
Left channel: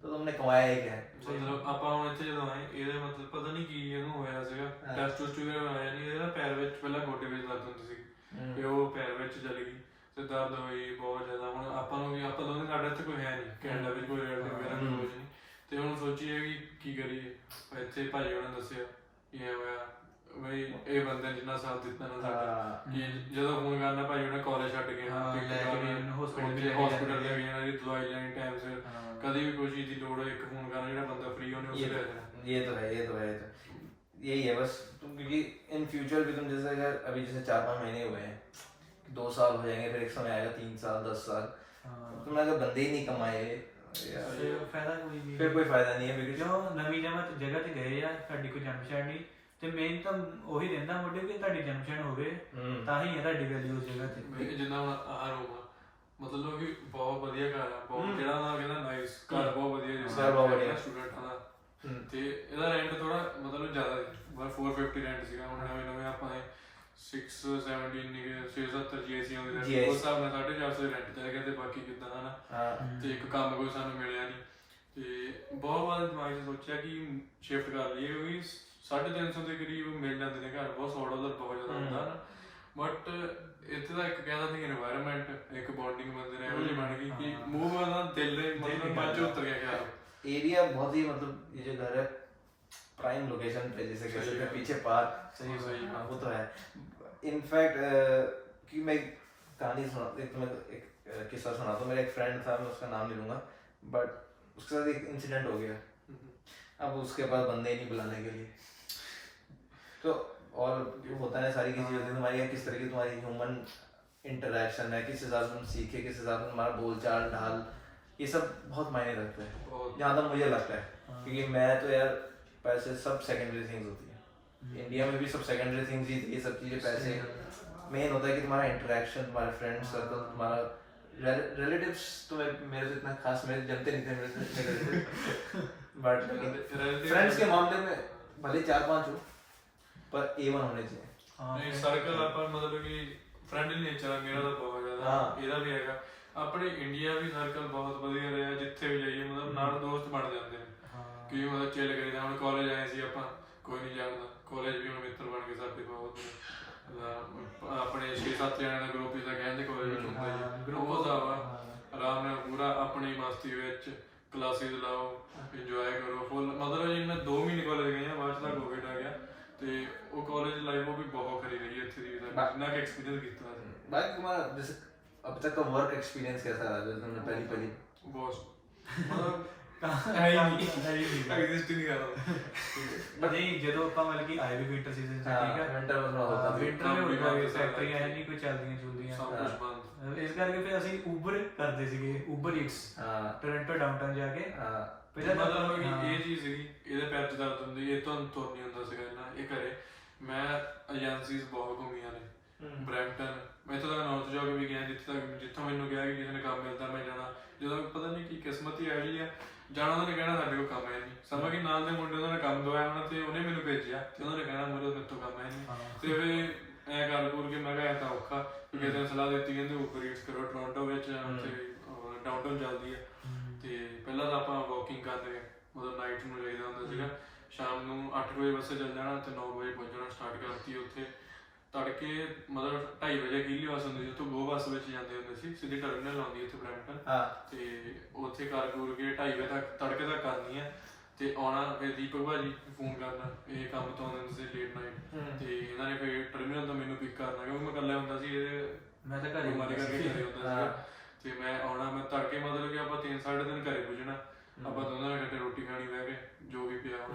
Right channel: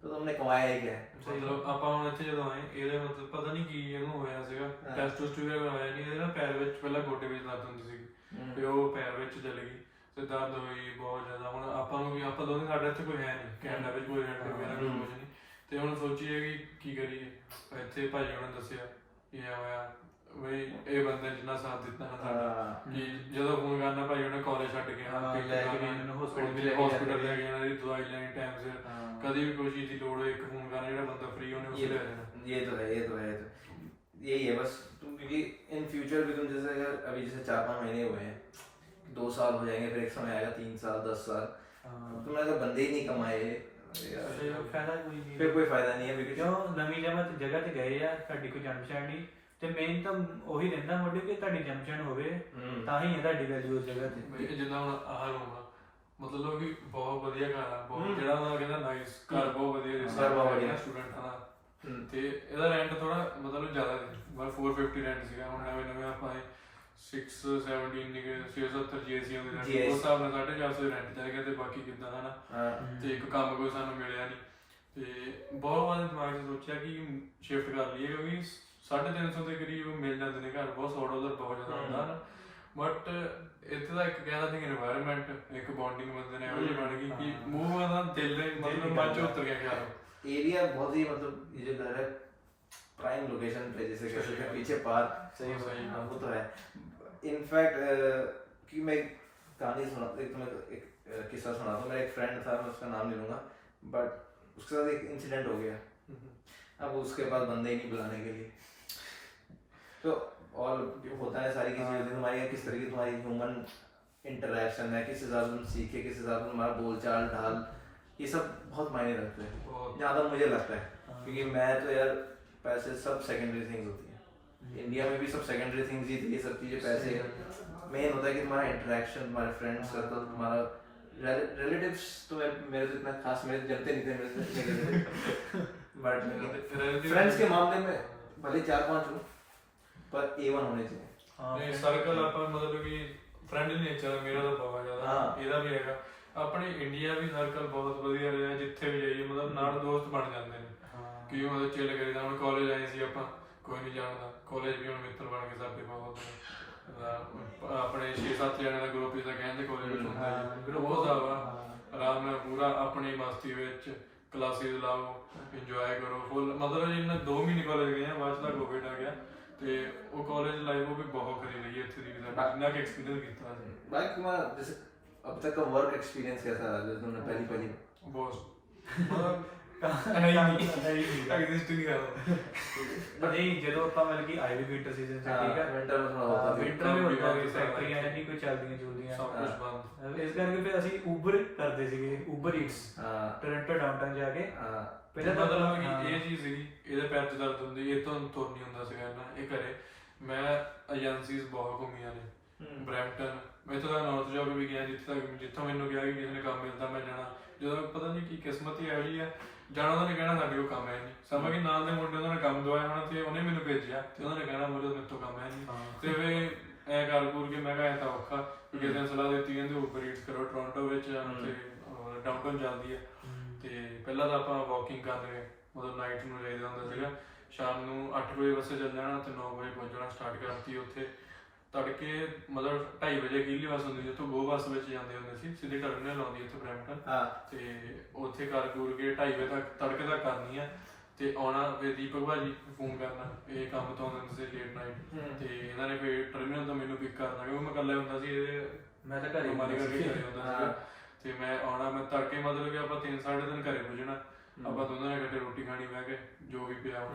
तो तुमने कमाया ही क्या है? ਮਤਲਬ ਆਪਾਂ ਹੁਣ ਇੱਥੇ ਜਦੋਂ ਆਏ, ਇਹਦੇ ਮਤਲਬ ਪਤਾ ਨਹੀਂ ਕੀ ਇਹਨੂੰ ਹੋਇਆ ਸੀਗਾ, ਟੈਸਟ ਟੂਸਟ ਵਗੈਰਾ ਆਇਆ ਨਹੀਂ, ਇਹਦੇ ਨਾ ਪੈਰ ਵਿੱਚ ਪਹਿਲਾਂ ਗੋਡੇ ਵਿੱਚ ਦਰਦ ਹੁੰਦੀ ਸੀਗੀ, ਤੇ ਉਹ ਪੈਰ ਵਿੱਚ ਚਲ ਗਈ, ਤੇ ਦਰਦ ਹੋਈ ਬਹੁਤ ਜ਼ਿਆਦਾ। ਹੁਣ ਆਪਾਂ ਨੂੰ ਵੀ, ਆਪਾਂ ਦੋਨੇ, ਸਾਡਾ ਇੱਥੇ ਕੋਈ ਹੈ ਨਹੀਂ ਕੈਨੇਡਾ ਵਿੱਚ, ਕੋਈ ਰਿਲੇਟਿਵ ਵਗੈਰਾ ਕੋਈ ਕੁਝ ਨਹੀਂ, ਤੇ ਹੁਣ ਸੋਚੀਏ ਵੀ ਕੀ ਕਰੀਏ। ਇੱਥੇ ਭਾਈ ਉਹਨਾਂ ਨੇ ਦੱਸਿਆ ਕੀ ਹੋਇਆ ਬਈ, ਇਹ ਬੰਦਾ ਜਿੰਨਾ ਸਾਥ ਦਿੱਤਾ ਨਾ ਸਾਡਾ, ਕਿ ਜਦੋਂ ਫੋਨ ਕਰਨਾ ਭਾਈ ਉਹਨੇ ਕਾਲਜ ਛੱਡ ਕੇ ਹਸਪੀਟਲ ਲੈ ਕੇ ਜਾਣਾ, ਦਵਾਈ ਲੈਣੀ ਟਾਈਮ ਸਿਰ, कभी भी कोई चीज की लोड हो, एक फोन करना, ਜਿਹੜਾ ਬੰਦਾ फ्री होने उसे ले जाना। ये तो है यही है बस। तुम क्योंकि इन फ्यूचर भी तुम जैसे अगर अभी जैसे 4-5 महीने हुए हैं, 2 साल हो जाएंगे, फिर एक समय आएगा 3 साल 10 साल, तुमने अगर बंदे ही नहीं कमाए ਫਾਇਦਾ ਕੋਈ ਨਹੀਂ, फिर कोई फायदा नहीं है। बिकॉज ਕਿਉਂ ਨਵੀਂ ਜਗ੍ਹਾ ਤੇ ਗਏ ਆ, ਸਾਡੀ ਕੋਈ ਜਾਣ ਪਛਾਣ ਨਹੀਂ, ਤੇ ਮੇਨ ਤਾਂ ਉਹੀ ਰਹਿੰਦਾ ਮੋਢੇ ਕਿ ਤੁਹਾਡੀ ਜਾਣ ਪਛਾਣ ਹੋਵੇ ਤਾਂ ਹੀ ਹੈ ਤੁਹਾਡੀ ਵੈਲਿਊ ਉਸ ਜਗ੍ਹਾ ਤੇ। ਜਿੱਦਾਂ ਹੁਣ ਆਹ ਰੂਮ ਆ, ਮਤਲਬ ਕਿ ਬਹੁਤ ਵਧੀਆ ਘਰ ਆ, ਬਹੁਤ ਜਿਹੜਾ ਉਹਨਾਂ ਕਹਿੰਦਾ ਨਾਈਸ ਘਰ, ਬਹੁਤ ਵਧੀਆ ਜਿਹਾ ਬਹੁਤ ਵਧੀਆ ਸਟੂਡੈਂਟਾਂ ਦਾ, ਤੇ ਇਹਦਾ ਰੈਂਟ ਥੋੜਾ ਮਤਲਬ ਜ਼ਿਆਦਾ ਸੀ, ਬਸ 450 ਰੈਂਟ ਸੀਗਾ। ਹੁਣ ਨਵੇਂ ਆਪਾਂ 617 ਨਿਕੇ 670 ਜੀਐਸੀ ਆਉਂਦੀ ਰੈਂਟ, ਉਸ ਹਿਸਾਬ ਨਾਲ 450 ਰੈਂਟ ਚਾਹੀਦਾ, ਤੇ ਬਾਕੀ ਕਿੱਦਾਂ ਹਨਾ, ਤੇ ਇੱਕ ਕੰਮ ਕੋਈ ਸਾਨੂੰ ਮਿਲਿਆ ਨਹੀਂ, ਤੇ ਬਹੁਤ ਵਾਰ ਦਿਮਾਗ 'ਚ ਸੋਚਿਆ ਕਿ ਸ਼ਿਫਟ ਕਰ ਲਈਏ, ਕਿਉਂਕਿ 350 ਦੇ ਕਰੀਬ ਮਿਲ ਜਾਂਦੇ ਨੇ ਘਰ, ਬਹੁਤ $100 ਬਹੁਤ ਜ਼ਿਆਦਾ ਹੁੰਦਾ ਨਾ, ਬਟ ਇੱਥੇ ਦਾ ਇੱਕ ਕਹਿੰਦਾ ਸੀ এনवायरमेंट, ਇੱਕ ਬੌਂਡਿੰਗ ਬੰਦੇ ਨੇ ਇਹੋ ਜਿਹੀ ਬਣ ਗਈ ਕਿ ਮੂੰਹ ਦਾ ਦਿਲ ਦੇ ਮਤਲਬ ਮੱਚ ਉਤਰ ਗਿਆ ਖਿਆਲ। एरिया बहुत ही मतलब ये जो घर है प्राइम लोकेशन पे, जैसे कह सकते हैं पीछे पार्क, सही सही हाँ वो तो है। इनफैक्ट कि मैं कहानी सुना, एक किस्सा सुना तो मेरा एक फ्रेंड था, मैं उसका नाम नहीं लूँगा, बट उसके साथ एक इंसिडेंट हो गया। अब उसके पास बंदे ही नहीं बुलाने के लिए, तो और होता है सारी चीजें होती है तुम्हारी, किस तरह की तुम्हारी ह्यूमन इंटरेक्शन है, किस हिसाब से तुम सीखे, किस हिसाब से तुम्हारा बोलचाल ढाल, ये सब बहुत मायने रखते हैं बहुत। जहाँ तक मुझे लगता है। क्योंकि मैं तो यार पैसे सब सेकेंडरी थिंग्स होती है, इंडिया में भी सब सेकेंडरी थिंग्स ही थी ये सब चीजें। पैसे मेन होता है कि तुम्हारा इंटरेक्शन, तुम्हारे फ्रेंड सर्कल, तुम्हारा रिलेटिव्स तो मेरे से इतना खास मेरे जमते नहीं थे मेरे से बट फ्रेंड्स के मामले में भले 4-5 हो पर A1 होने चाहिए। ਨਹੀਂ ਸਰਕਲ ਆਪਾਂ ਮਤਲਬ ਕਿ ਫਰੈਂਡਲੀ ਨੇਚਰ ਹੈ ਮੇਰਾ ਤਾਂ ਬਹੁਤ ਜ਼ਿਆਦਾ, ਇਹਦਾ ਵੀ ਹੈਗਾ। ਆਪਣੇ ਇੰਡੀਆ ਵੀ ਸਰਕਲ ਬਹੁਤ ਵਧੀਆ ਰਿਹਾ, ਜਿੱਥੇ ਵੀ ਜਾਈਏ ਮਤਲਬ ਨਾਲ ਦੋਸਤ ਬਣ ਜਾਂਦੇ ਨੇ ਕਿ ਉਹ ਚਿਲ ਕਰੀਦਾ। ਹੁਣ ਕਾਲਜ ਆਏ ਸੀ ਆਪਾਂ, ਕੋਈ ਨਹੀਂ ਜਾਣਦਾ, ਕਾਲਜ ਵੀ ਹੁਣ ਮਿੱਤਰ ਬਣ ਕੇ ਸਾਡੇ ਬਹੁਤ ਨੇ। ਆਪਣੇ 6-7 ਜਣਿਆਂ ਦਾ ਗਰੁੱਪ ਜਿਹਾ ਕਹਿੰਦੇ ਕਾਲਜ ਵਿੱਚ ਹੁੰਦਾ ਜੀ, ਉਹ ਦਾ ਵਾ ਆਰਾਮ ਨਾਲ ਪੂਰਾ ਆਪਣੀ ਮਸਤੀ ਵਿੱਚ ਕਲਾਸਿਸ ਲਾਓ, ਇੰਜੋਏ ਕਰੋ ਫੁੱਲ। ਮਤਲਬ ਜਿਵੇਂ 2 ਮਹੀਨੇ ਕਾਲਜ ਗਏ ਆ, ਬਾਅਦ 'ਚ ਤਾਂ ਕੋਵਿਡ ਆ ਗਿਆ ਤੇ ਉਹ ਕਾਲਜ ਲਾਈਫ ਉਹ ਵੀ ਬਹੁਤ ਖਰੀ ਰਹੀ ਹੈ ਇੱਥੇ ਦੀ, ਜਿੰਨਾ ਕਿ एक्सपीरियंस ਕੀਤਾ ਸੀ। भाई तुम्हारा जैसे अब तक का वर्क एक्सपीरियंस कैसा रहा जैसे तुमने पहली ਬਹੁਤ ਮਤਲਬ ਹੈ ਹੀ ਨਹੀਂ ਐਗਜ਼ਿਸਟ ਨਹੀਂ ਕਰਦਾ। ਬਟ ਨਹੀਂ ਜਦੋਂ ਆਪਾਂ ਮਤਲਬ ਕਿ ਆਏ ਵੀ ਵਿੰਟਰ ਸੀਜ਼ਨ ਚ, ਠੀਕ ਹੈ, विंटर में थोड़ा होता है ਵਿੰਟਰ ਵੀ ਹੁੰਦਾ ਵੀ ਫੈਕਟਰੀਆਂ ਹੈ ਨਹੀਂ ਕੋਈ ਚੱਲਦੀਆਂ ਚੁਲਦੀਆਂ, ਸਭ ਕੁਝ ਬੰਦ। ਇਸ ਕਰਕੇ ਫਿਰ ਅਸੀਂ ਉਬਰ ਕਰਦੇ ਸੀਗੇ, ਉਬਰ ਈਟਸ ਟੋਰਾਂਟੋ ਡਾਊਨਟਾਊਨ ਜਾ ਕੇ। ਪਹਿਲਾਂ ਮਤਲਬ ਕਿ ਇਹ ਚੀਜ਼ ਸੀਗੀ, ਇਹਦੇ ਪੈਰ 'ਚ ਦਰਦ ਹੁੰਦੀ, ਇਹ ਤੋਂ ਤੁਰ ਨਹੀਂ ਹੁੰਦਾ ਸੀਗਾ ਨਾ ਇਹ ਘਰੇ। ਮੈਂ ਏਜੰਸੀਜ਼ ਬਹੁਤ ਘੁੰਮੀਆਂ ਨੇ, ਬਰੈਂਪਟਨ, ਮੈਂ ਇੱਥੋਂ ਤੱਕ ਨਾਰਥ ਜਾ ਕੇ ਵੀ ਗਿਆ, ਜਿੱਥੋਂ ਮੈਨੂੰ ਕਿਹਾ ਕਿ ਕਿਸੇ ਨੇ ਕੰਮ ਮਿਲਦਾ ਮੈਂ ਜਾਣਾ। ਜਦੋਂ ਪਤਾ ਨਹੀਂ ਕੀ ਕਿਸਮਤ ਹੀ ਇਹੋ ਜਿਹੀ ਆ, ਜਾਣਾ ਉਹਨਾਂ ਨੇ ਕਹਿਣਾ ਸਾਡੇ ਕੋਲ ਕੰਮ ਹੈ ਨਹੀਂ। ਸਮਝ ਕਿ ਨਾਲ ਦੇ ਮੁੰਡੇ ਉਹਨਾਂ ਨੇ ਕੰਮ ਦਵਾਇਆ ਹੋਣਾ ਤੇ ਉਹਨੇ ਮੈਨੂੰ ਭੇਜਿਆ ਤੇ ਉਹਨਾਂ ਨੇ ਕਹਿਣਾ ਮੇਰੇ ਤੋਂ ਕੰਮ ਹੈ ਨਹੀਂ। ਤੇ ਫਿਰ ਐਂ ਕਰ ਕੁਰ ਕੇ ਮੈਂ ਕਿਹਾ ਐਂ ਤਾਂ ਔਖਾ, ਕਿਸੇ ਦਿਨ ਸਲਾਹ ਦਿੱਤੀ ਕਹਿੰਦੇ ਉਬਰ ਈਟਸ ਕਰੋ ਟੋਰਾਂਟੋ ਵਿੱਚ ਤੇ ਡਾਊਨਟਾਊਨ ਚੱਲਦੀ ਆ। ਤੇ ਪਹਿਲਾਂ ਤਾਂ ਆਪਾਂ ਵਾਕਿੰਗ ਕਰਦੇ ਗਏ, ਮਤਲਬ ਨਾਈਟ ਨੂੰ ਜਾਈਦਾ ਹੁੰਦਾ ਸੀਗਾ, ਸ਼ਾਮ ਨੂੰ 8 ਵਜੇ ਬੱਸੇ ਚੱਲ ਜਾਣਾ ਤੇ 9 ਵਜੇ ਪਹੁੰਚਣਾ ਸਟਾਰਟ ਕਰਤੀ ਉੱਥੇ। ਤੜਕੇ ਮਤਲਬ 2:30 ਵਜੇ ਕਿਹਲੀ ਬੱਸ ਹੁੰਦੀ ਜਿੱਥੋਂ ਗੋ ਬੱਸ ਵਿੱਚ ਜਾਂਦੇ ਹੁੰਦੇ ਸੀ, ਸਿੱਧੀ ਟਰਮੀਨਲ ਆਉਂਦੀ ਇੱਥੇ ਬਰੈਂਪਟਨ ਤੇ ਉੱਥੇ ਕਰ ਕੁਰ ਕੇ 2:30 ਵਜੇ ਤੱਕ ਤੜਕੇ ਤੱਕ ਕਰਨੀ ਆ ਤੇ ਆਉਣਾ। ਫਿਰ ਦੀਪਕ ਭਾਜੀ ਫੋਨ ਕਰਨਾ, ਇਹ ਕੰਮ ਤੋਂ ਆਉਂਦੇ ਹੁੰਦੇ ਸੀ ਲੇਟ ਨਾਈਟ, ਤੇ ਇਹਨਾਂ ਨੇ ਫਿਰ ਟਰਮੀਨਲ ਤੋਂ ਮੈਨੂੰ ਪਿਕ ਕਰਨਾ ਕਿਉਂਕਿ ਮੈਂ ਇਕੱਲਾ ਹੁੰਦਾ ਸੀ, ਮੈਂ ਤਾਂ ਘਰੇ ਬਿਮਾਰੀ ਕਰਕੇ ਘਰੇ ਹੁੰਦਾ ਸੀਗਾ। ਤੇ ਮੈਂ ਆਉਣਾ, ਮੈਂ ਤੜਕੇ ਮਤਲਬ ਕਿ ਆਪਾਂ 3-3:30 ਘਰੇ ਪੁੱਜਣਾ, ਆਪਾਂ ਦੋਨਾਂ ਨੇ ਇਕੱਠੇ ਰੋਟੀ ਖਾਣੀ ਬਹਿ ਕੇ ਜੋ ਵੀ ਪਿਆ।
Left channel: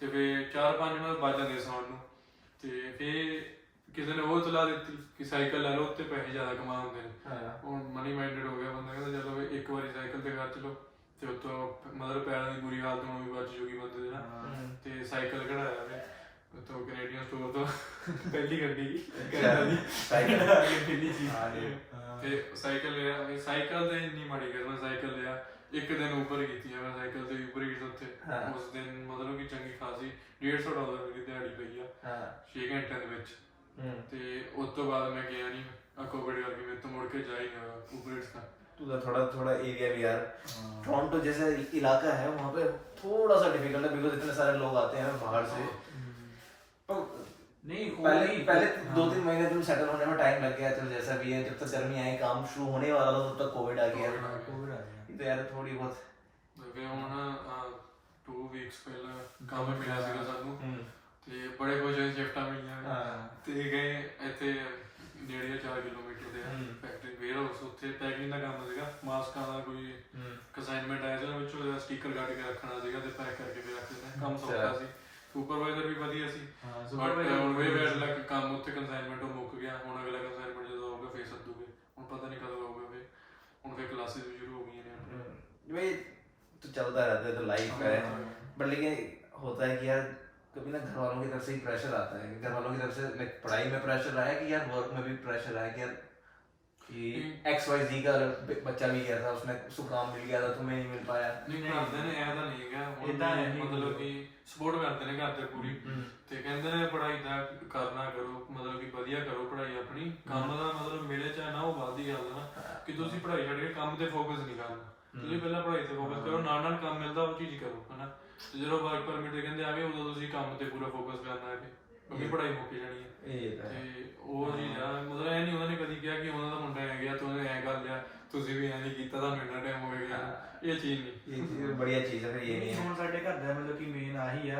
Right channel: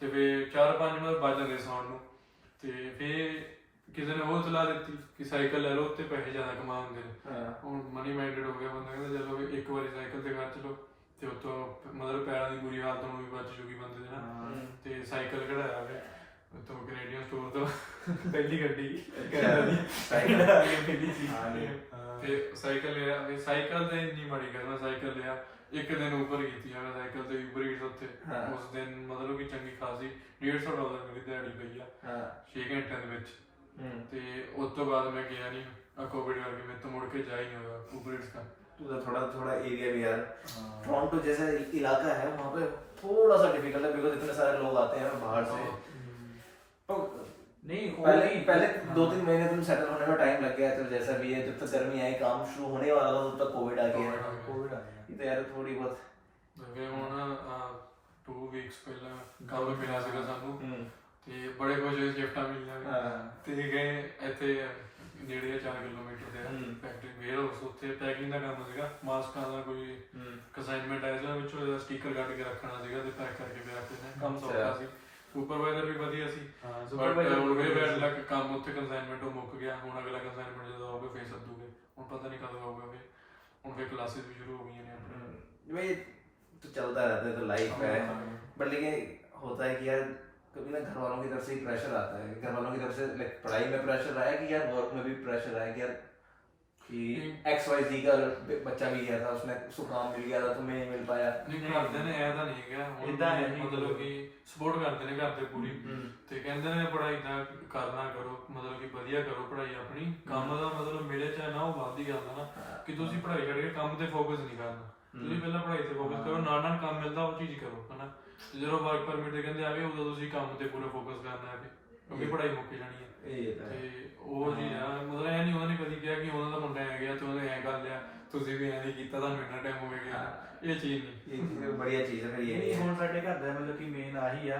ਤੇ ਫਿਰ 4-5 ਮਿੰਟ ਵੱਜ ਜਾਂਦੇ ਸੌਣ ਨੂੰ। ਤੇ ਫਿਰ ਕਿਸੇ ਨੇ ਉਹ ਸਲਾਹ ਦਿੱਤੀ ਕਿ ਸਾਈਕਲ ਲੈ ਲਓ, ਉੱਤੇ ਪੈਸੇ ਜ਼ਿਆਦਾ ਕਮਾ ਹੁੰਦੇ ਨੇ। ਹੁਣ ਮਨੀ ਮਾਈਂਡਡ ਹੋ ਗਿਆ ਬੰਦਾ, ਕਹਿੰਦਾ ਚਲੋ ਇੱਕ ਵਾਰੀ ਸਾਈਕਲ ਤੇ ਕਰ ਚਲੋ ਤੇ ਉੱਤੋਂ ਮਤਲਬ ਪੈਰਾਂ ਦੀ ਬੁਰੀ ਹਾਲਤ ਨੂੰ ਵੀ ਬਚ ਜੂਗੀ ਬੰਦੇ ਦੇ ਨਾ। ਤੇ ਸਾਈਕਲ ਕਢਾਇਆ ਵੇ ਉੱਤੋਂ ਕੈਨੇਡੀਅਨ ਸਟੋਰ ਤੋਂ, ਪਹਿਲੀ ਗੱਡੀ ਤੇ ਸਾਈਕਲ ਲਿਆ। ਸਾਈਕਲ ਤੇ ਇੰਨੀ ਮਾੜੀ ਕਰਨਾ, ਸਾਈਕਲ ਲਿਆ ਇੱਕ ਦਿਨ ਉੱਪਰ ਕੀਤੀ ਆ ਮੈਂ ਸਾਈਕਲ ਤੇ ਉਬਰ ਈਟਸ ਉੱਤੇ। ਉਸ ਦਿਨ ਮਤਲਬ ਕਿ ਚੰਗੀ ਖਾਸੀ $150 ਮੇਰੀ ਦਿਹਾੜੀ ਪਈ ਆ 6 ਘੰਟਿਆਂ ਦੇ ਵਿੱਚ। ਤੇ ਉਸ ਤੋਂ ਬਾਅਦ ਮੈਂ ਗਿਆ ਨਹੀਂ, कोविड करके मैं तो मुड़ के जा ही नहीं होगा उबर ईट्स का। तो थोड़ा एरिया भी यार टोरंटो जैसा इलाका है वहाँ पे थोड़ा सा डिफिकल्ट है बिकॉज इतने सारे लोग आते हैं बाहर से। तो नहीं पहले 2-3 महीने तुम सेटल होने में टाइम लग गया, चल जैसा भी है, जब तक गर्मी आई काम शुरू होने वाला था तब तक कोविड आ गया। ये तो यार थोड़ी बहुत वे ਹੁਣ 2 ਵੀਕਸ ਪਹਿਲਾਂ ਕੰਮ ਮਿਲਿਆ ਸੀਗਾ ਸਾਨੂੰ ਤੇ ਬੜੇ ਕੁਝ ਸ਼ਿਫਟਾਂ ਮਿਲੀਆਂ ਤੇ ਗਏ ਇੱਥੇ ਨੇੜੇ 4 ਕਿਲੋਮੀਟਰ ਤੇ ਫੈਕਟਰੀ ਵੇਅਰ ਹਾਊਸ, ਉੱਥੇ ਪੈਕਿੰਗ ਦਾ ਕੰਮ ਸੀਗਾ, ਮਾਸਕਾਂ ਦਾ ਕੋਈ ਅਸਾਈਨਮੈਂਟ ਆਇਆ ਸੀ, ਉਹਦੇ ਵਿੱਚੋਂ ਸਟicker ਕੱਢ ਕੇ ਰੱਖਣਾ ਸੀਗਾ ਤੇ ਪੈਕ ਕਰਕੇ ਵੀ ਰੱਖ ਦਿੰਦੇ। ਕੰਮ ਸੌਖਾ ਸੀ, ਸੁਪਰਵਾਈਜ਼ਰ ਵੀ ਵਧੀਆ ਸੀ, ਬਟ ਹੁਣ ਵੇ ਬੈਡ ਲੱਕ ਕੰਮ ਉੱਥੇ ਕੰਸਾਈਨਮੈਂਟ ਉਹ ਮੁੱਕ ਗਿਆ। ਹੁਣ ਅਗਲਾ ਕੰਸਾਈਨਮੈਂਟ ਜਦੋਂ ਆਊਗਾ ਫੇਰ ਸੱਦੂਗੇ, ਹੁਣ ਪਤਾ ਨਹੀਂ ਕਦੋਂ ਆਊਗਾ। ਫੇਰ ਹੁਣ ਫੇਰ ਕਲਾਸਿਸ ਵੀ ਸ਼ੁਰੂ ਹੋ गई हैं अपने। भाई तो चलता रहता है, तो लाइफ है, बट लेकिन होता है कि यार कभी ना घर वालों की तरफ से ही प्रेशर आता है, घर वालों की तरफ से लाइक पढ़ाई में प्रेशर आया कि यार वर्क में भी प्रेशर आया कि यार कि XYZ का बच्चा भी गया था, उसने उसको काम मिल गया था, तुम्हें नहीं मिल पाया। नहीं ਕਰਦੇ ਨੇ ਐਦਾ ਨਹੀਂ ਹੈਗਾ, ਹੁਣ ਮਤਲਬ ਕਿ ਸਪੋਰਟ ਕਰਦੇ ਨੇ ਘਰ ਦੇ ਪੂਰੀ ਤੇ ਕਹਿੰਦੇ ਨੇ ਪੜ੍ਹਾਈ ਦਾ ਕਰਨਾ ਕਰੋ, ਮਤਲਬ ਕਿ ਵਧੀਆ ਕਰੋ ਪੜ੍ਹਾਈ ਆਪਣੀ, ਕੰਮ ਦਾ ਮਤਲਬ ਮਿਲੇ ਚਾਹੇ ਨਾ ਉਹ ਬਾਅਦ ਦੀ ਗੱਲ ਆ ਨਾ ਕਿ ਤੁਸੀਂ ਪੜ੍ਹਾਈ ਛੱਡ ਕੇ ਕੰਮ ਤੇ ਫੋਕਸ ਨਹੀਂ ਕਰਨਾ। ਤੁਸੀਂ ਪਹਿਲਾਂ ਪੜ੍ਹਾਈ ਤੇ ਫੋਕਸ ਕਰੋ, ਨਾਲ ਨਾਲ ਕੰਮ ਮਿਲਦਾ ਉਹ ਚੀਜ਼ ਕਰੋ ਹਨਾ। ਜਦੋਂ ਵਰਕ ਪਰਮਿਟ ਦੇ ਕਹਿੰਦੇ ਆ ਗਏ ਉਦੋਂ ਤੁਸੀਂ ਕੰਮ ਤੇ ਪੂਰਾ ਫੋਕਸ ਕਰਨਾ ਹੈ ਕਿਉਂਕਿ ਪੜ੍ਹਾਈ ਮੁੱਕ ਜਾਣੀ ਹੈ। ਤੇ ਉਹ ਚੀਜ਼ ਆ, ਮਤਲਬ ਇਹ ਨਹੀਂ ਉਹਨਾਂ ਨੇ ਕਦੀ ਕਿਹਾ ਕਿ ਉਹਨਾਂ ਦਾ ਮੁੰਡਾ ਆ ਗਿਆ ਤੂੰ ਐ ਕਰ ਲਿਆ, ਤੁਸੀਂ ਵੀ ਐਂ ਨਹੀਂ ਕੀਤਾ, ਤੁਹਾਨੂੰ ਇੰਨਾ ਟਾਈਮ ਹੋ ਗਿਆ। ਇਹ ਚੀਜ਼ ਨਹੀਂ, ਇਹ ਚੀਜ਼ ਬੜੀਆ ਚੀਜ਼ ਹੈ। ਫਿਰ ਇਹ ਹੁਣ ਸਾਡੇ ਘਰ ਦਾ ਮਤਲਬ ਕਿ ਮੇਨ ਆਹੀ ਆ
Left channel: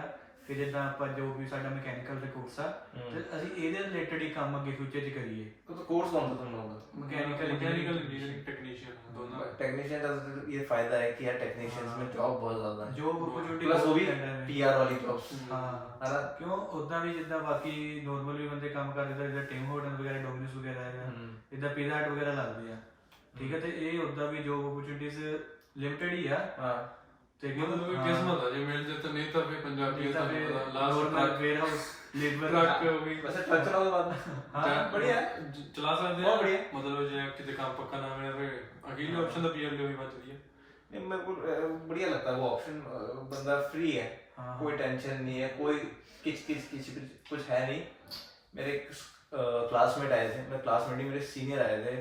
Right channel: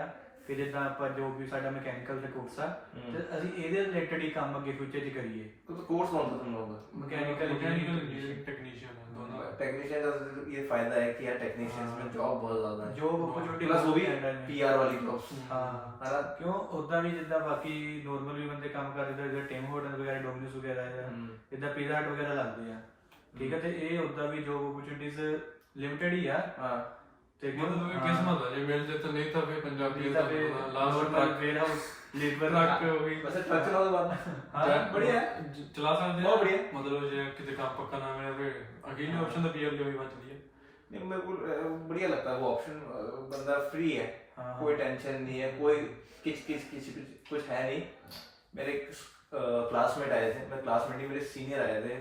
ਕਿ ਜਿੱਦਾਂ ਆਪਾਂ ਜੋ ਵੀ ਸਾਡਾ ਮਕੈਨੀਕਲ ਦਾ ਕੋਰਸ ਆ ਤੇ ਅਸੀਂ ਇਹਦੇ ਰਿਲੇਟਡ ਹੀ ਕੰਮ ਅੱਗੇ ਫਿਊਚਰ 'ਚ ਕਰੀਏ। तो कोर्स कौन सा तुम लोगों का? मैकेनिकल इंजीनियरिंग टेक्नीशियन दोनों। टेक्नीशियन का ये फायदा है कि यार टेक्नीशियंस में जॉब बहुत ज्यादा है, जॉब अपॉर्चुनिटी प्लस वो भी पीआर वाली जॉब्स। ਹਾਂ है ना? ਕਿਉਂ ਉਦਾਂ ਵੀ ਜਿੱਦਾਂ ਬਾਕੀ ਨੋਰਮਲੀ ਬੰਦੇ ਕੰਮ ਕਰਦੇ ਜਿੱਦਾਂ ਟਿਮ ਹੋਟਲ ਵਗੈਰਾ ਡੋਮਿਨੋਸ ਵਗੈਰਾ ਜਿੱਦਾਂ ਪੀਜ਼ਾ ਹਟ ਵਗੈਰਾ ਲੱਗਦੇ ਆ, ਠੀਕ ਹੈ, ਤੇ ਇਹ ਉਦਾਂ ਵੀ ਜੋਬ अपॉर्चुनिटीज ਲਿਮਟਿਡ ਹੀ ਆ। हाँ ਤੇ मतलब किस्मत है जो मिल जाए तो नहीं था फिर पंजाबी ਤਾਂ ਫਿਰ normal warehouse labour truck हो गई वैसे ट्रक चलाओ तो बात ਹਾਂ बढ़िया है। चला सकते बहुत बढ़िया। हैं मतलब जो किसी काम पक्का ना मिले फिर अकेले ऑप्शन तो पीआर भी बचती है। नहीं मेरे को बढ़िया लगता है वो ऑप्शन, बंदा फ्री है, हाँ, कोई टेंशन नहीं है, कोई किच कुछ है नहीं। मेरे क्लासमेट आए थे, मेरे क्लासमेट ही मेरे सीनियर आए थे,